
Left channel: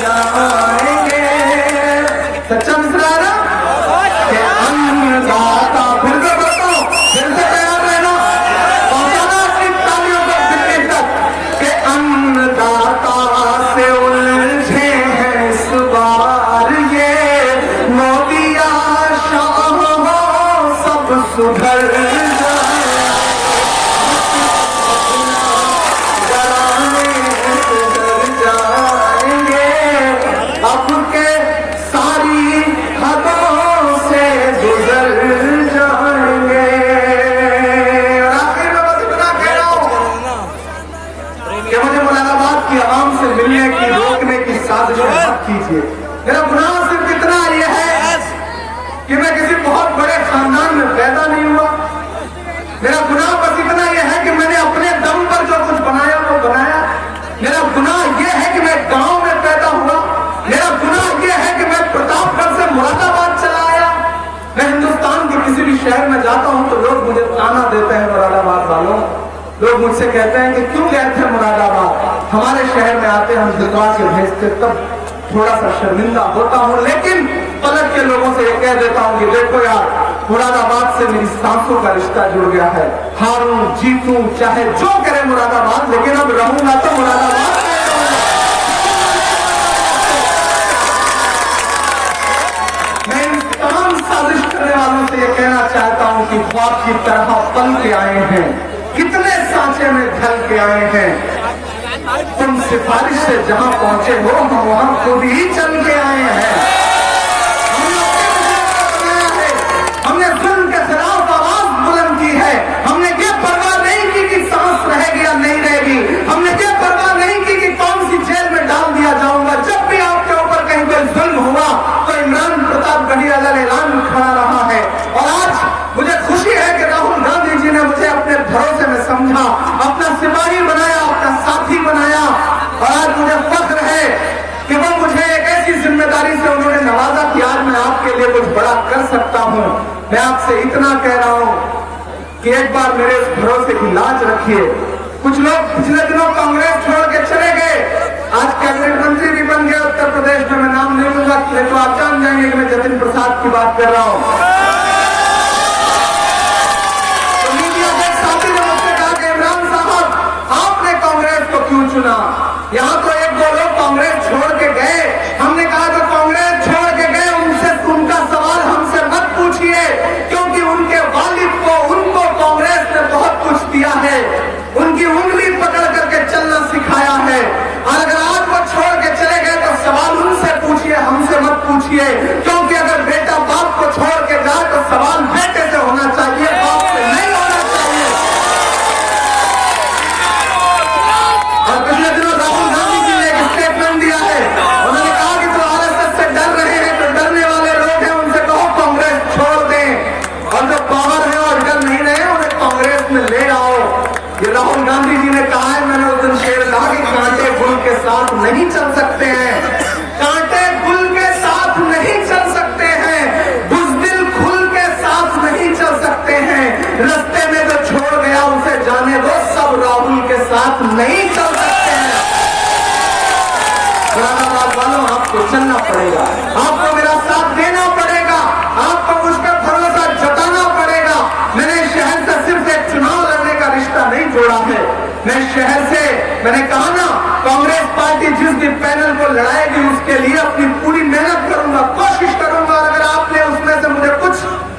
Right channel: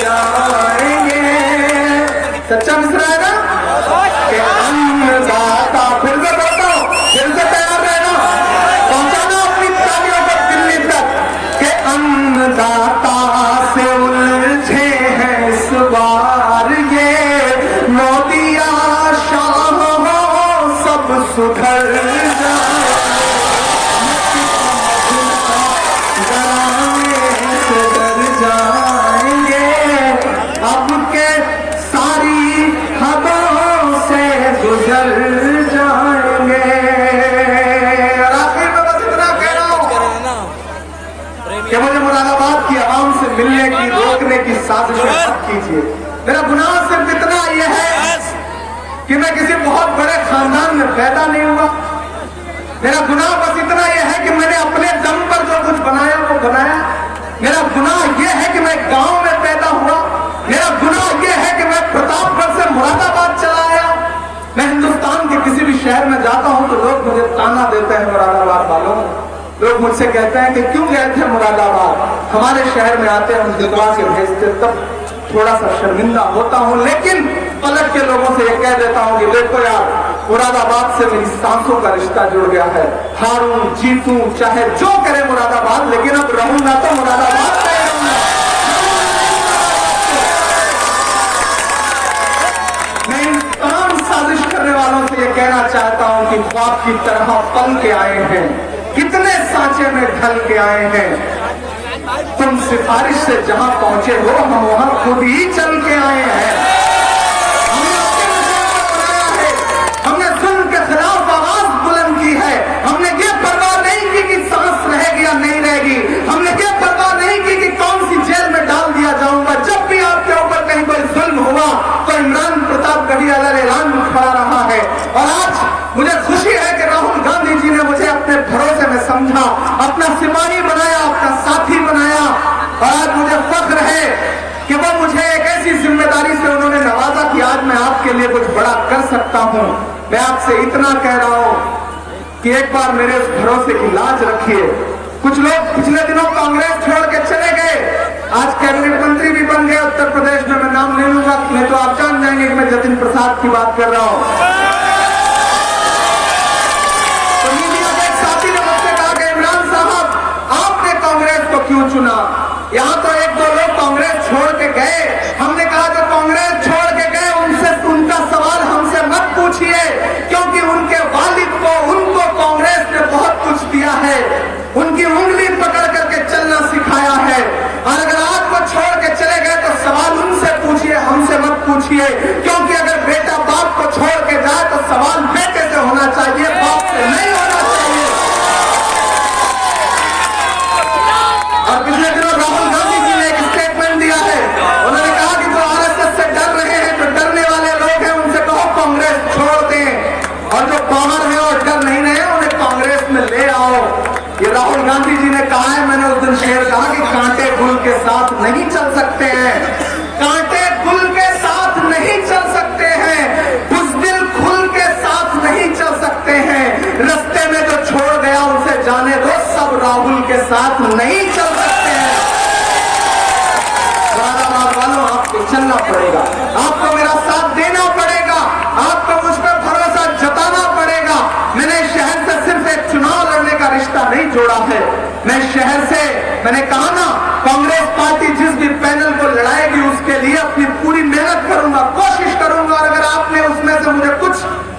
जाएंगे। सच्चा मिसरा है ना कि अन्नदाता, फिर से बताओ, फिर से तैयार रहना, पहुंचाना अपनी तालियों पर दिल्ली तक कि अन्नदाता से उलझे हैं इस बार ये, मोदी शाह हो सब सुधर जाएंगे। अब के सारी हदों से गुजर जाएंगे। और आखिर में बस इतना कह रहा हूं कि मुझे मुरादाबाद की आवाम से मिलने की, रोकने की साजिश कीजिए। मेरा गुनाह सिर्फ इतना ये है कि मैं किसी बहुत बड़े खानदान में पैदा नहीं हुआ। मेरा गुनाह बस इतना यह है कि मैंने अपने दम पर जो कुछ बनाया वो बनाया। मेरा गुनाह यह है कि मैं गांव में पैदा हुआ। मेरा गुनाह यह है कि मैं प्रतापगढ़ से मुरादाबाद चला गया। मैं हिंदुस्तान के किसी भी शहर में जाता हूं तो लोग मुझे ताना देते हैं, मुरादाबाद वालों। लोग मुझसे कहते हैं कि क्यों गए थे मुरादाबाद, हमारे शहर में आते हम दुकान से भेजते, तब थोड़ा सा शर्मिंदा होता हूं। लेकिन पलट के लोगों से यह कह देता हूं कि देखो यार, मुरादाबाद से मेरी सांसों का रिश्ता जुड़ गया है। हारूं जीतूं चाहे जो करे मुरादाबाद, लेकिन अब रहूं ना तो मुरादाबाद। मैं इन तमाम साजिश करने वालों से यह कहना चाहता हूं कि ख्वाब की तरह पल के आए हैं, कितने सांचे में ढल के आए हैं, तुमसे सिफारिश से जहां पहुंचे हो हम वहां खुद ही चल के आए हैं। हमने जुल्म के खिलाफ आवाज बुलंद की है। हमने ये परवाह नहीं की कि सांस रहेगी या नहीं रहेगी। हमने ये परवाह नहीं की कि कौन सी जेल में डाल दिया जाऊंगा। जब भी आपके ऊपर कहीं कोई जुल्म हुआ तो इमरान प्रताप गढ़ियाला ने ऐलान खड़ा रहा है। और आज मुझे खुशी है कि राहुल गांधी जी ने मुझे अपने भरोसे में समझा, अपना सिपाही बनाया, अपना साथी बनाया। और आज मुझे फख्र है कि वो मुझे एक ऐसी जिम्मेदारी से उन्होंने नवाजा कि आज मैं आपके लिए कुछ बड़ा कर सकता हूं। मैं आपसे इतना कह रहा हूं कि एक बार मेरे उस भरोसे की लाज रखिए। कुछ लोग पिछले दिनों कांग्रेस छोड़ के चले गए, आज कैबिनेट मंत्री भी बन गया उत्तर प्रदेश में। मैं नाम नहीं लूंगा, मैं तो आप जान जाएंगे कि मैं जतिन प्रसाद की बात कर रहा हूं। तो मीडिया के साथी ने मुझसे कहा कि इमरान साहब आपने कांग्रेस को क्यों चुना? यहां तो एक दो लोग कांग्रेस छोड़ के गए। हमने कहा जो कांग्रेस छोड़ के गए उनसे उनका सवाल हमसे मत पूछिए, क्योंकि उनके वालिद को उनको कांग्रेस ने बहुत कुछ दिया है, उनकी उंगली पकड़ करके चलना सिखाया है। और अगर आज वो छोड़ के चले गए तो सवाल उनसे पूछिए, हमसे मत पूछिए। क्योंकि अगर बेटा बाप को छोड़ के जाए तो सवाल बेटे से होना चाहिए, बाप से नहीं होना चाहिए। और पिछले दिनों राहुल गांधी जी ने एक स्टेटमेंट दिया है। उन्होंने कहा कि जो आरएसएस से डर रहे हैं, जो डरने वाले लोग हैं, उनसे कहो कांग्रेस छोड़ दें। और जो बाहर है और डर नहीं रहे उन्हें कांग्रेस में ले आओ। ये राहुल गांधी जी ने कहा है। मैंने उस दिन शेर कहा कि कांटे गुल के साथ नहीं चल सकते हैं, कांटे गुल के साथ नहीं चल सकते हैं, बुज़दिल फूल के साथ नहीं चल सकते हैं। रास्ते में जो छोड़ गया उसे जाने दो, सब राहुल के साथ नहीं चल सकते हैं। मुरादाबाद वालों, आपको चलना पड़ेगा, आपको मेरा साथ देना पड़ेगा, आपको मुझ पर भरोसा जताना पड़ेगा। मैंने शहर से सिर्फ एक चुनाव लड़ने का रिश्ता नहीं जोड़ा है। मैं शहर से, मैंने कहा ना, कांग्रेस पार्टी जिस भी पैनल को लड़ाएगी उसके लिए अपनी पूरी मेहनत करूंगा, कोशिश करूंगा। अगर आपने उसमें से मुझे कुछ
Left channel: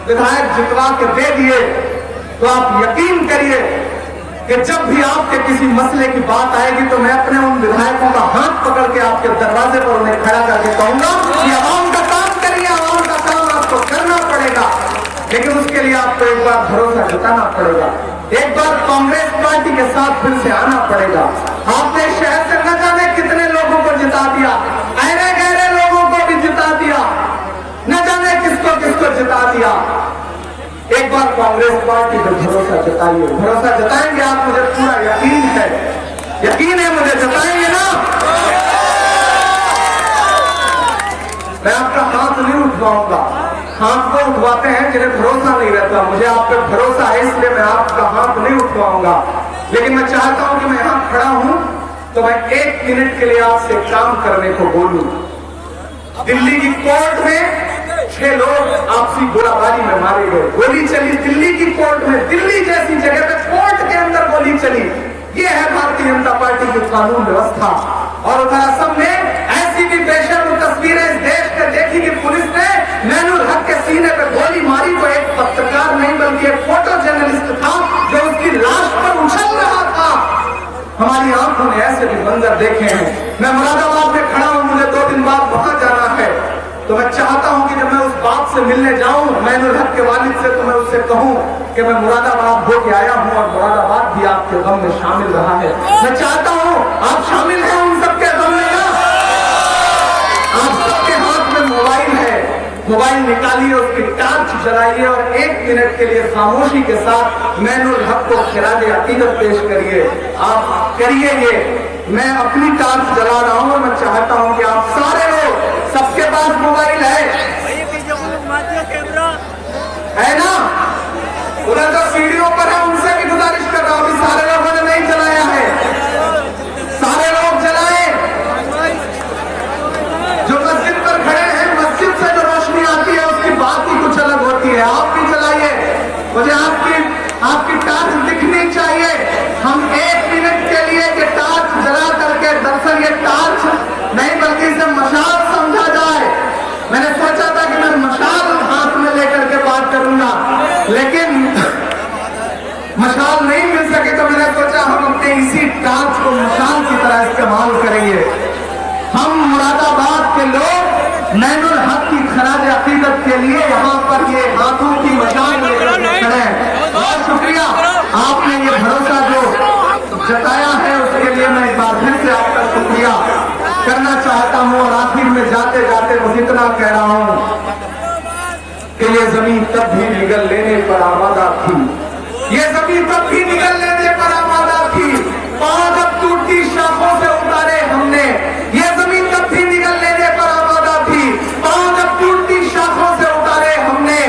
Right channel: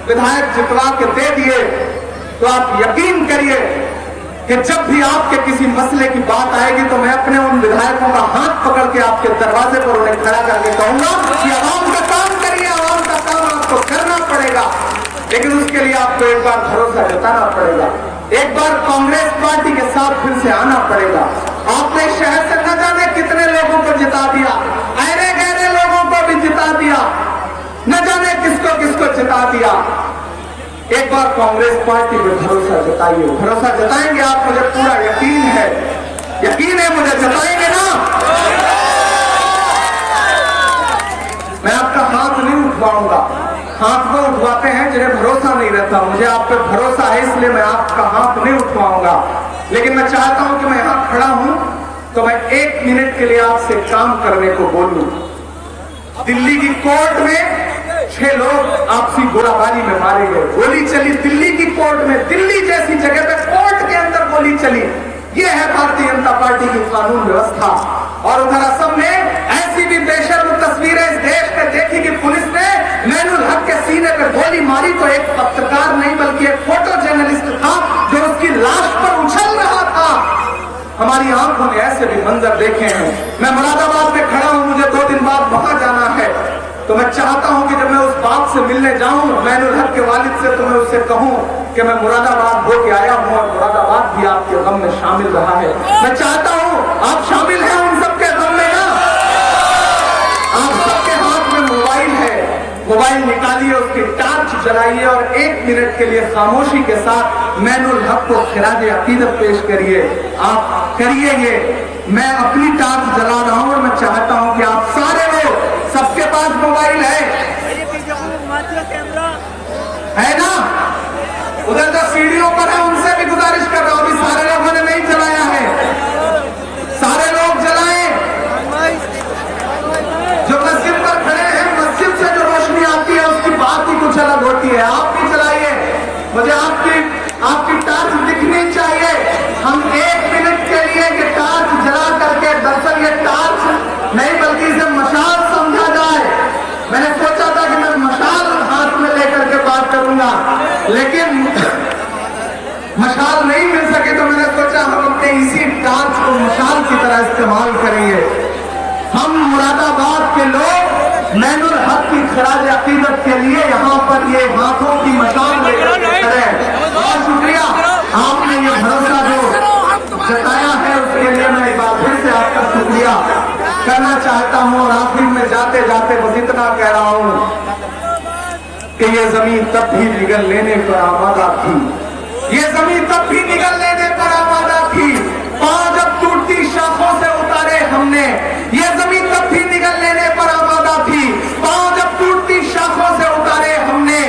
विधायक जितवा के दे दिए तो आप यकीन करिए कि जब भी आपके किसी मसले की बात आएगी तो मैं अपने उन विधायकों का हाथ पकड़ के आपके दरवाजे पर उन्हें खड़ा करके कहूंगा कि आवाम का काम करिए, आवाम का काम आपको करना पड़ेगा। लेकिन उसके लिए आपको एक बार भरोसा जताना पड़ेगा, एक बार कांग्रेस पार्टी के साथ फिर से आना पड़ेगा। आपने शहर से न जाने कितने लोगों को जिता दिया, अरे गहरे लोगों को भी जिता दिया, न जाने किसको किसको जिता दिया। एक बार कांग्रेस पार्टी पर भरोसा जताइए, भरोसा जताएंगे आप, मुझे पूरा यकीन है मुझे, जताएंगे ना। मैं आपका हाथ नहीं उठवाऊंगा, हाथ को उठवाते हैं जिन्हें भरोसा नहीं रहता। मुझे आप पे भरोसा है इसलिए मैं आपका हाथ नहीं उठवाऊंगा। लेकिन मैं चाहता हूं कि मैं यहां खड़ा हूं तो मैं 1 मिनट के लिए आपसे काम करने को बोलूं। दिल्ली की कोर्ट में 6 लोग आपसी गोलाबारी में मारे गए, गोली चली दिल्ली की कोर्ट में, दिल्ली जैसी जगह पे कोर्ट के अंदर गोली चली। ये है भारतीय जनता पार्टी की कानून व्यवस्था। और उधर असम में ऐसी भी बेशर्म तस्वीरें इस देश में देखी कि पुलिस ने मैनुल हक के सीने पर गोली मारी तो एक पत्रकार नहीं बल्कि एक फोटो जर्नलिस्ट था जो उसकी लाश पर उछल रहा था। हमारी आंखों ने ऐसे भी मंजर देखे हैं। मैं मुरादाबाद में खड़ा हूं, मुझे 2 दिन बाद वहां जाना है, तो मैं चाहता हूं कि जब मैं उस बाप से मिलने जाऊं, मैनुल हक के वालिद से, तो मैं उससे कहूं कि मैं मुरादाबाद होके आया हूं और मुरादाबाद भी आपके गम में शामिल रहा है। मैं चाहता हूं आप शामिल हैं उन सबके गम में ना। आप सबके हाथ में मोबाइल है, मोबाइल निकालिए, उसकी टार्च जलाइए और 1 मिनट के लिए खामोशी के साथ मैनुल हक को खिराजे अकीदत पेश करिए। आप करिए ये, मैं अपनी टार्च जला रहा हूं और मैं चाहता हूं कि आप सारे लोग, सबके पास मोबाइल है ना, उधर तो सीढ़ियों पर है, उनसे भी गुजारिश कर रहा हूं कि सारे लोगों ने नहीं जलाया है, सारे लोग जलाएं। जो मस्जिद पर खड़े हैं, मस्जिद से जो रोशनी आती है उसकी बात ही कुछ अलग होती है। आप भी जलाइए, मुझे आपकी टार्च दिखनी चाहिए। हम 1 मिनट के लिए ये टार्च जला करके, दरअसल ये टार्च नहीं बल्कि इसे मशाल समझा जाए। मैंने सोचा था कि मैं मशाल हाथ में लेकर के बात करूंगा, लेकिन मशाल नहीं मिल सके तो मैंने सोचा हम अपने इसी कांच को मशाल की तरह इस्तेमाल करेंगे। हम मुरादाबाद के लोग मैनुल हक की खराज अकीदत के लिए यहाँ पर ये हाथों की मशाल लेकर खड़े हैं। बहुत शुक्रिया, आपने ये भरोसा जो जताया है उसके लिए मैं एक बार फिर से आपका शुक्रिया करना चाहता हूँ। और आखिर में जाते जाते मैं इतना कह रहा हूँ कि ये जमीन तब भी निगल लेने पर आबादा थी, ये जमीन तब भी निगल लेने पर आबादा थी। पांच अब टूटती शाखों से उतारे हमने, ये जमीन तब भी निगल लेने पर आबादा थी। पांच अब टूटती शाखों से उतारे हमने,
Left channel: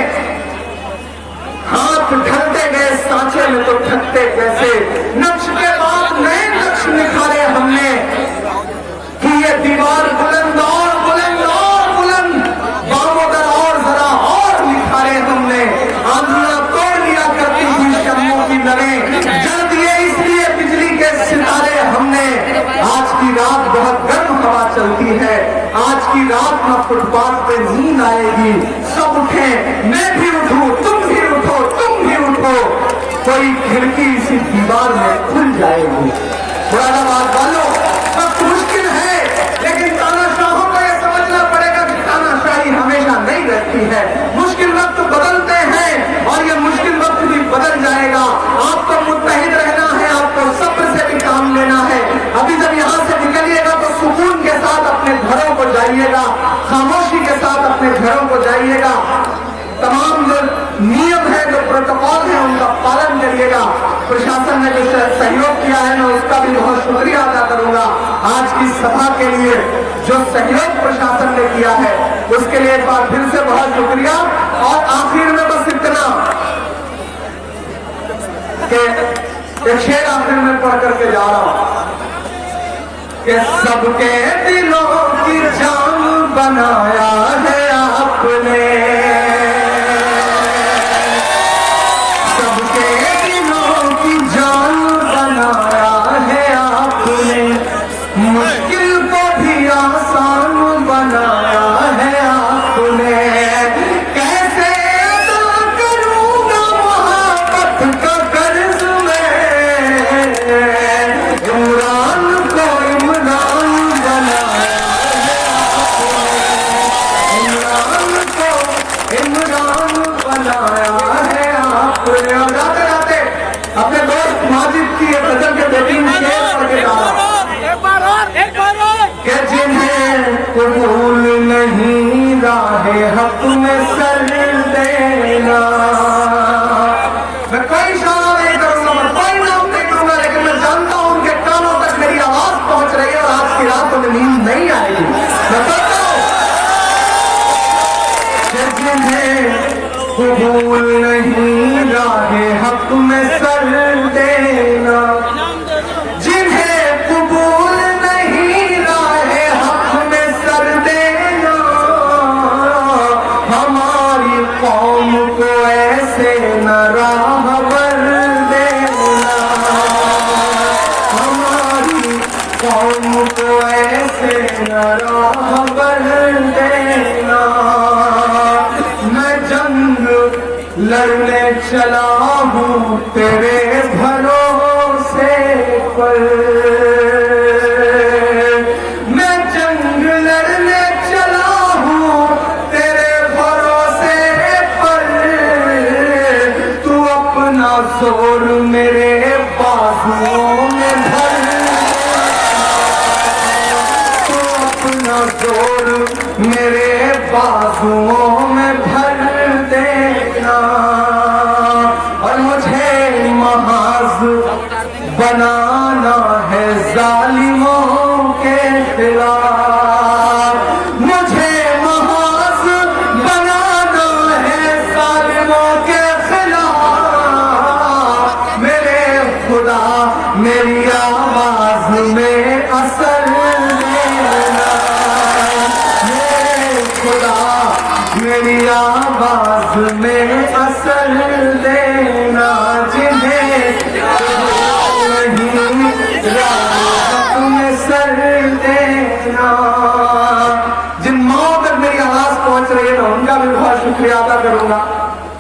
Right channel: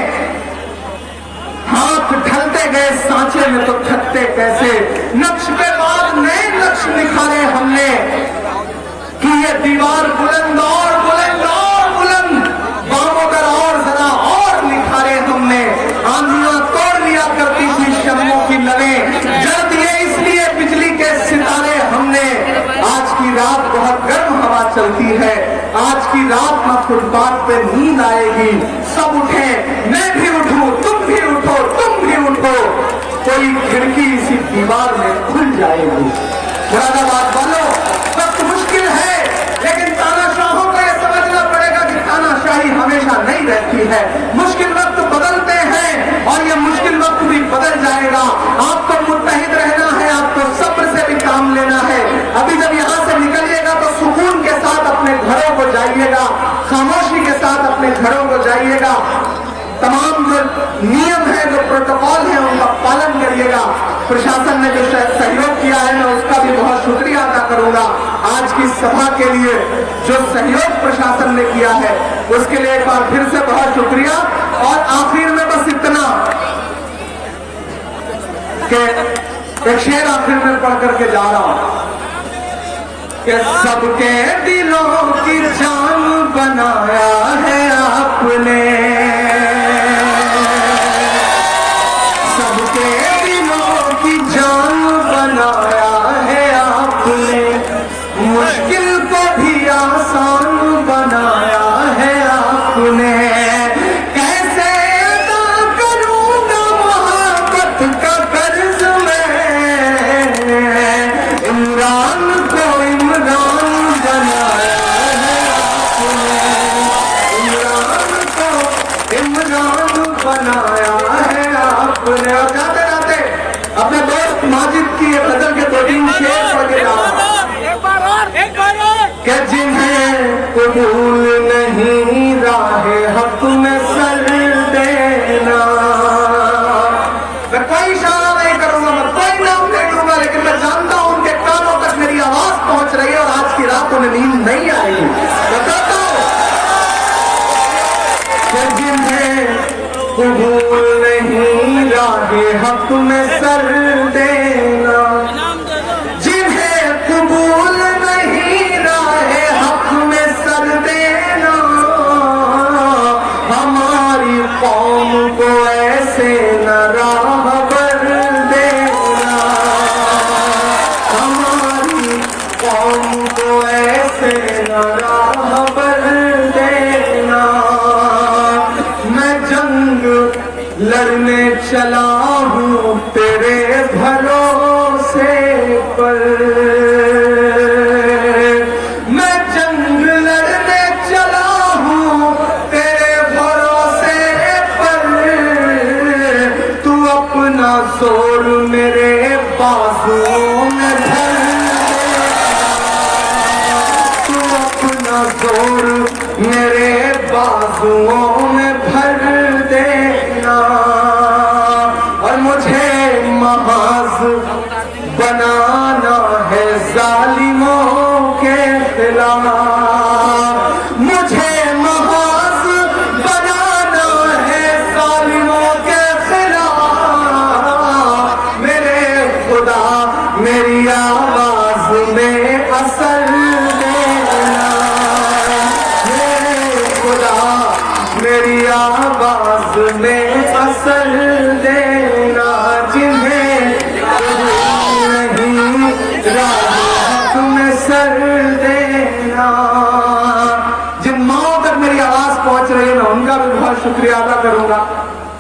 हाथ ढलते गए सांचे में तो थकते कैसे। नक्श के बाद नए नक्श निखारे हमने, कि ये दीवार बुलंद और बुलंद और बुलंद, बामोदर और जरा और निखारे हमने। आंधियां तोड़ लिया करती थी शर्मों की लड़ें, जल दिए इसलिए बिजली के सितारे हमने। आज की रात बहुत गर्म हवा चलती है, आज की रात में फुटपाथ पे नींद आएगी। सब उठे, मैं भी उठूं, तुम भी उठो, तुम भी उठो, कोई खिड़की इसी दीवार में खुल जाएगी। मुरादाबाद वालों, वक्त मुश्किल है, लेकिन तानाशाहों को यह समझना पड़ेगा कि तानाशाही हमेशा नहीं रहती है। मुश्किल वक्त बदलते हैं और यह मुश्किल वक्त भी बदल जाएगा। आपको मुत्तहिद रहना है, आपको सब्र से भी काम लेना है। अभी जब यहाँ से निकलिएगा तो सुकून के साथ अपने घरों को जाइएगा, खामोशी के साथ अपने घरों को जाइएगा। तमाम जो नियम है, जो प्रोटोकॉल है, उनका पालन करिएगा। प्रशासन ने जो सहयोग किया है मैं उसका भी बहुत शुक्रिया अदा करूंगा। आज की सभा के लिए जो सहयोग प्रशासन ने किया है उसके लिए एक बार फिर से बहुत शुक्रिया। और आखिर में बस इतना कि एक शेर आखिर में पढ़ करके जा रहा हूं कि सबके दिलों की जान बनाया है आपने, सबके दिलों की जान बनाया है आपने, मुश्किल को भी आसान बनाया है आपने। कैसे अदा करूंगा मोहब्बत का कर्ज मैं, इमरान को इमरान बनाया है आपने, इमरान को इमरान बनाया है आपने। और जाते जाते अपने दोस्त माजिद की एक गजल के बेटिंग शेयर करके कि जिन्हें कबूल नहीं राहे हक में सर देना। मैं कोई इशारा नहीं करूंगा, मैं कोई नाम नहीं लूंगा, लेकिन मैं जानता हूं उनके कानों तक मेरी आवाज पहुंच रही है और आज की रात उन्हें नींद नहीं आएगी। मैं कहता हूं कि जिन्हें कबूल नहीं राहे हक में सर देना, जिन्हें कबूल नहीं राहे हक में सर देना, हमारी कौम को ऐसे न राहबर देना, हमारी कौम को ऐसे न राहबर देना। मैं जंग लड़ने चला हूँ तेरे भरोसे पर, मैं जंग लड़ने चला हूँ तेरे भरोसे पर, तू अपना जोर मेरे बाजुओं में भर, तू अपना जोर मेरे बाजुओं में भर देना। और मुझे महाज बनाना है जालिमों के खिलाफ, मुझे महाज बनाना है जालिमों के खिलाफ। मेरे खुदा मेरी आवाज में असर देना, मेरे खुदा मेरी आवाज में असर देना। जिन्हें नहीं राह में सर देना, जिन माओ तक मेरी आवाज पहुंच रही है मैं उनका भी बहुत शुक्रिया अदा करूंगा।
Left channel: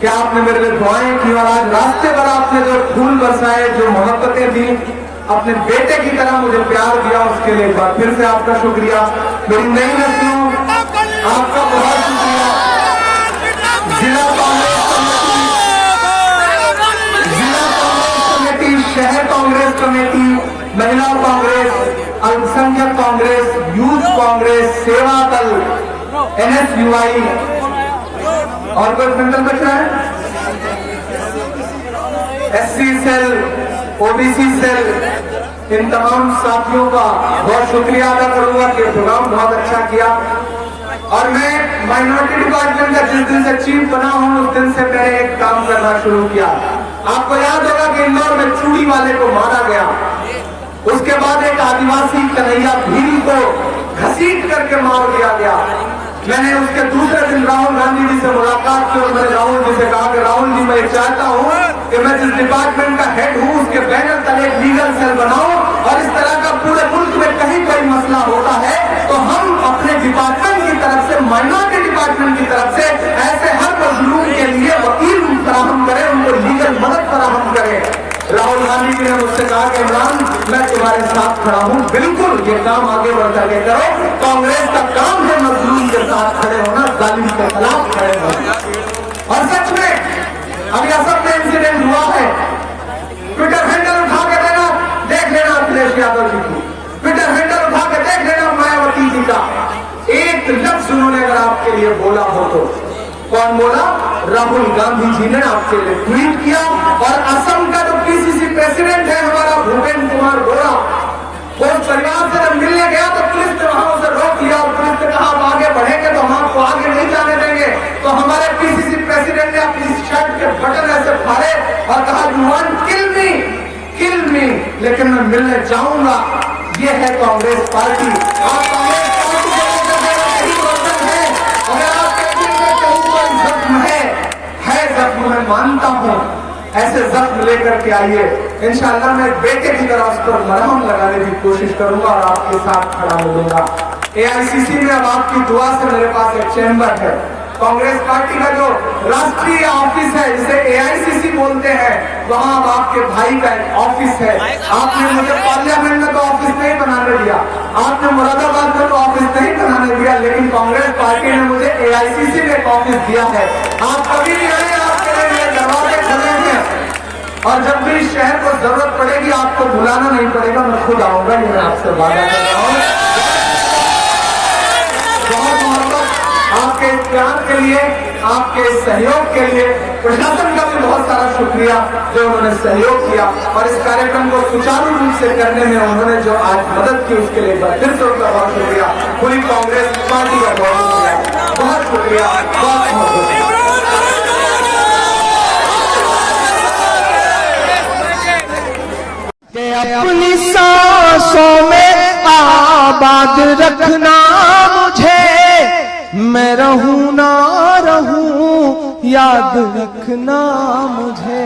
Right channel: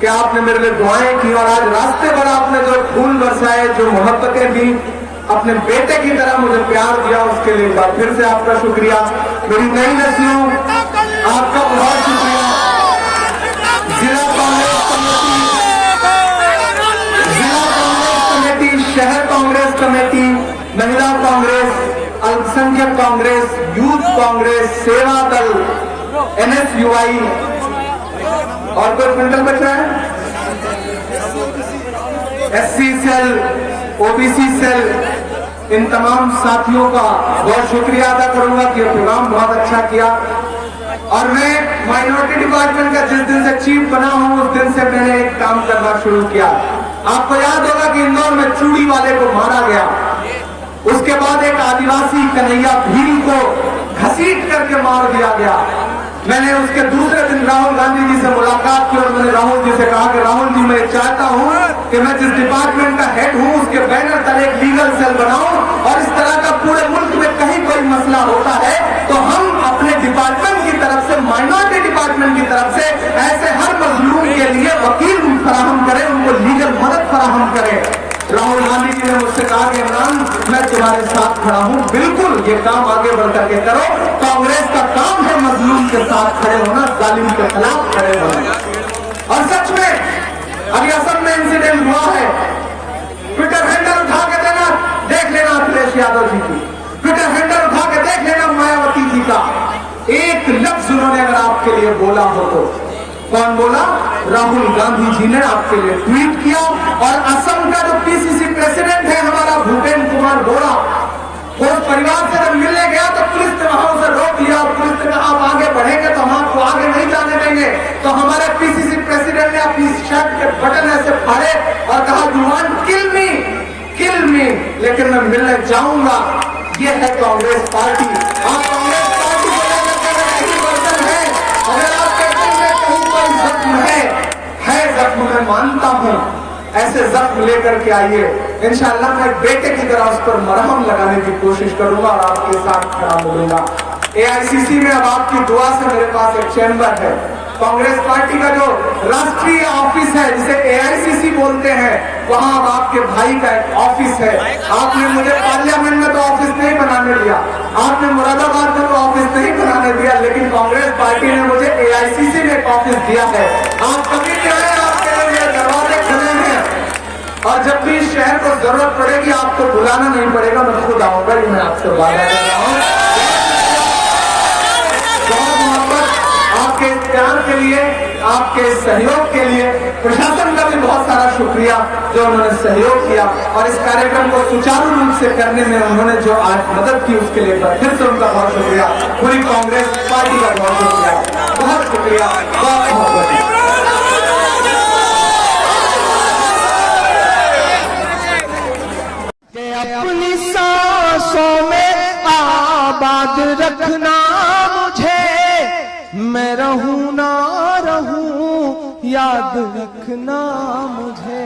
कि आपने मेरे को दुआएं की और आज रास्ते पर आपने जो फूल बरसाए, जो मोहब्बतें दी, अपने बेटे की तरह मुझे प्यार दिया, उसके लिए एक बार फिर से आपका शुक्रिया। मेरी नई नस्लों, आपका बहुत शुक्रिया। जिला कांग्रेस कमेटी, शहर कांग्रेस कमेटी, महिला कांग्रेस, अल्पसंख्यक कांग्रेस, यूथ कांग्रेस, सेवा दल, NSUI और कोई फिल्टर बचा है, SC सेल, OBC सेल, इन तमाम साथियों का बहुत शुक्रिया अदा करूंगा कि प्रोग्राम बहुत अच्छा किया। और मैं माइनॉरिटी डिपार्टमेंट का जिस दिन से चीफ बना हूं उस दिन से मैंने एक काम करना शुरू किया। आपको याद होगा कि इंदौर में चूड़ी वाले को मारा गया, उसके बाद एक आदिवासी कन्हैया भील को घसीट करके मार दिया गया। मैंने उसके दूसरे दिन राहुल गांधी जी से मुलाकात की और मैंने राहुल जी से कहा कि राहुल जी, मैं चाहता हूं कि मैं जिस डिपार्टमेंट का हेड हूं उसके बैनर तले एक लीगल सेल बनाऊं और इस तरह का पूरे मुल्क में कहीं कोई मसला होता है तो हम अपने डिपार्टमेंट की तरफ से, माइनॉरिटी डिपार्टमेंट की तरफ से ऐसे हर मजलूम के लिए वकील फराहम करें, उनको लीगल मदद फराहम करें। राहुल गांधी जी ने मुझसे कहा कि इमरान, मैं तुम्हारे साथ खड़ा हूं, बिल्कुल ये काम आगे बढ़ करके करो। कांग्रेस का काम है मजलूम के साथ खड़े होना, जालिम के खिलाफ खड़े होना। और सच में अभी असम में इंसिडेंट हुआ है, ट्विटर हैंडल उठा के देना, देख लेना अखिलेश यादव जी की, ट्विटर हैंडल उठा के देख लेना मायावती जी का। एक लफ्ज उन्होंने अगर आपके लिए बोला हो तो कौन बोला? राहुल गांधी जी ने आपके लिए ट्वीट किया। और असम का जो PCC प्रेसिडेंट है हमारा भूपेंद्र कुमार बोरा, वो उस परिवार से जब मिलने गया तो पुलिस ने वहां उसे रोक दिया और पुलिस ने कहा आप आगे बढ़ेंगे तो हम आपको आगे नहीं जाने देंगे। तो हमारे PCC प्रेसिडेंट ने अपनी शर्ट के बटन ऐसे फाड़े और कहा यू वांट किल मी, लेकिन मैं मिलने जाऊंगा। ये है कांग्रेस पार्टी। आप कांग्रेस पार्टी अगर आपके दिल में कहीं कोई जख्म है जख्म, मैं मानता हूं, ऐसे जख्म लेकर के आइए। इंशाअल्लाह मैं बेटे की तरह उस पर मरहम लगाने की कोशिश करूंगा और आपके साथ खड़ा मिलूंगा। AICC में अब आपकी दुआ से मेरे पास एक चैम्बर है। कांग्रेस पार्टी का जो राष्ट्रीय ऑफिस है जिसे AICC बोलते हैं, वहां अब आपके भाई का एक ऑफिस है। आपने मुझे पार्लियामेंट में तो ऑफिस नहीं बनाने दिया, आपने मुरादाबाद में तो ऑफिस नहीं बनाने दिया, लेकिन कांग्रेस पार्टी ने मुझे AICC में एक ऑफिस दिया है। आप कभी भी आए, आपके लिए दरवाजे खुले हैं और जब भी शहर को जरूरत पड़ेगी आपको बुलाना नहीं पड़ेगा, मैं खुद आऊंगा। ये मैं आपसे वादा कर रहा हूं। आपके प्यार के लिए, आपके सहयोग के लिए प्रशासन का भी बहुत सारा शुक्रिया जो उन्होंने सहयोग किया और इस कार्यक्रम को सुचारू रूप से करने में उन्होंने जो आज मदद की उसके लिए फिर से उनका बहुत शुक्रिया। पूरी कांग्रेस पार्टी का बहुत शुक्रिया, बहुत शुक्रिया। अपनी सांसों में आबाद रखना मुझे, मैं रहूं ना रहूं याद रखना मुझे।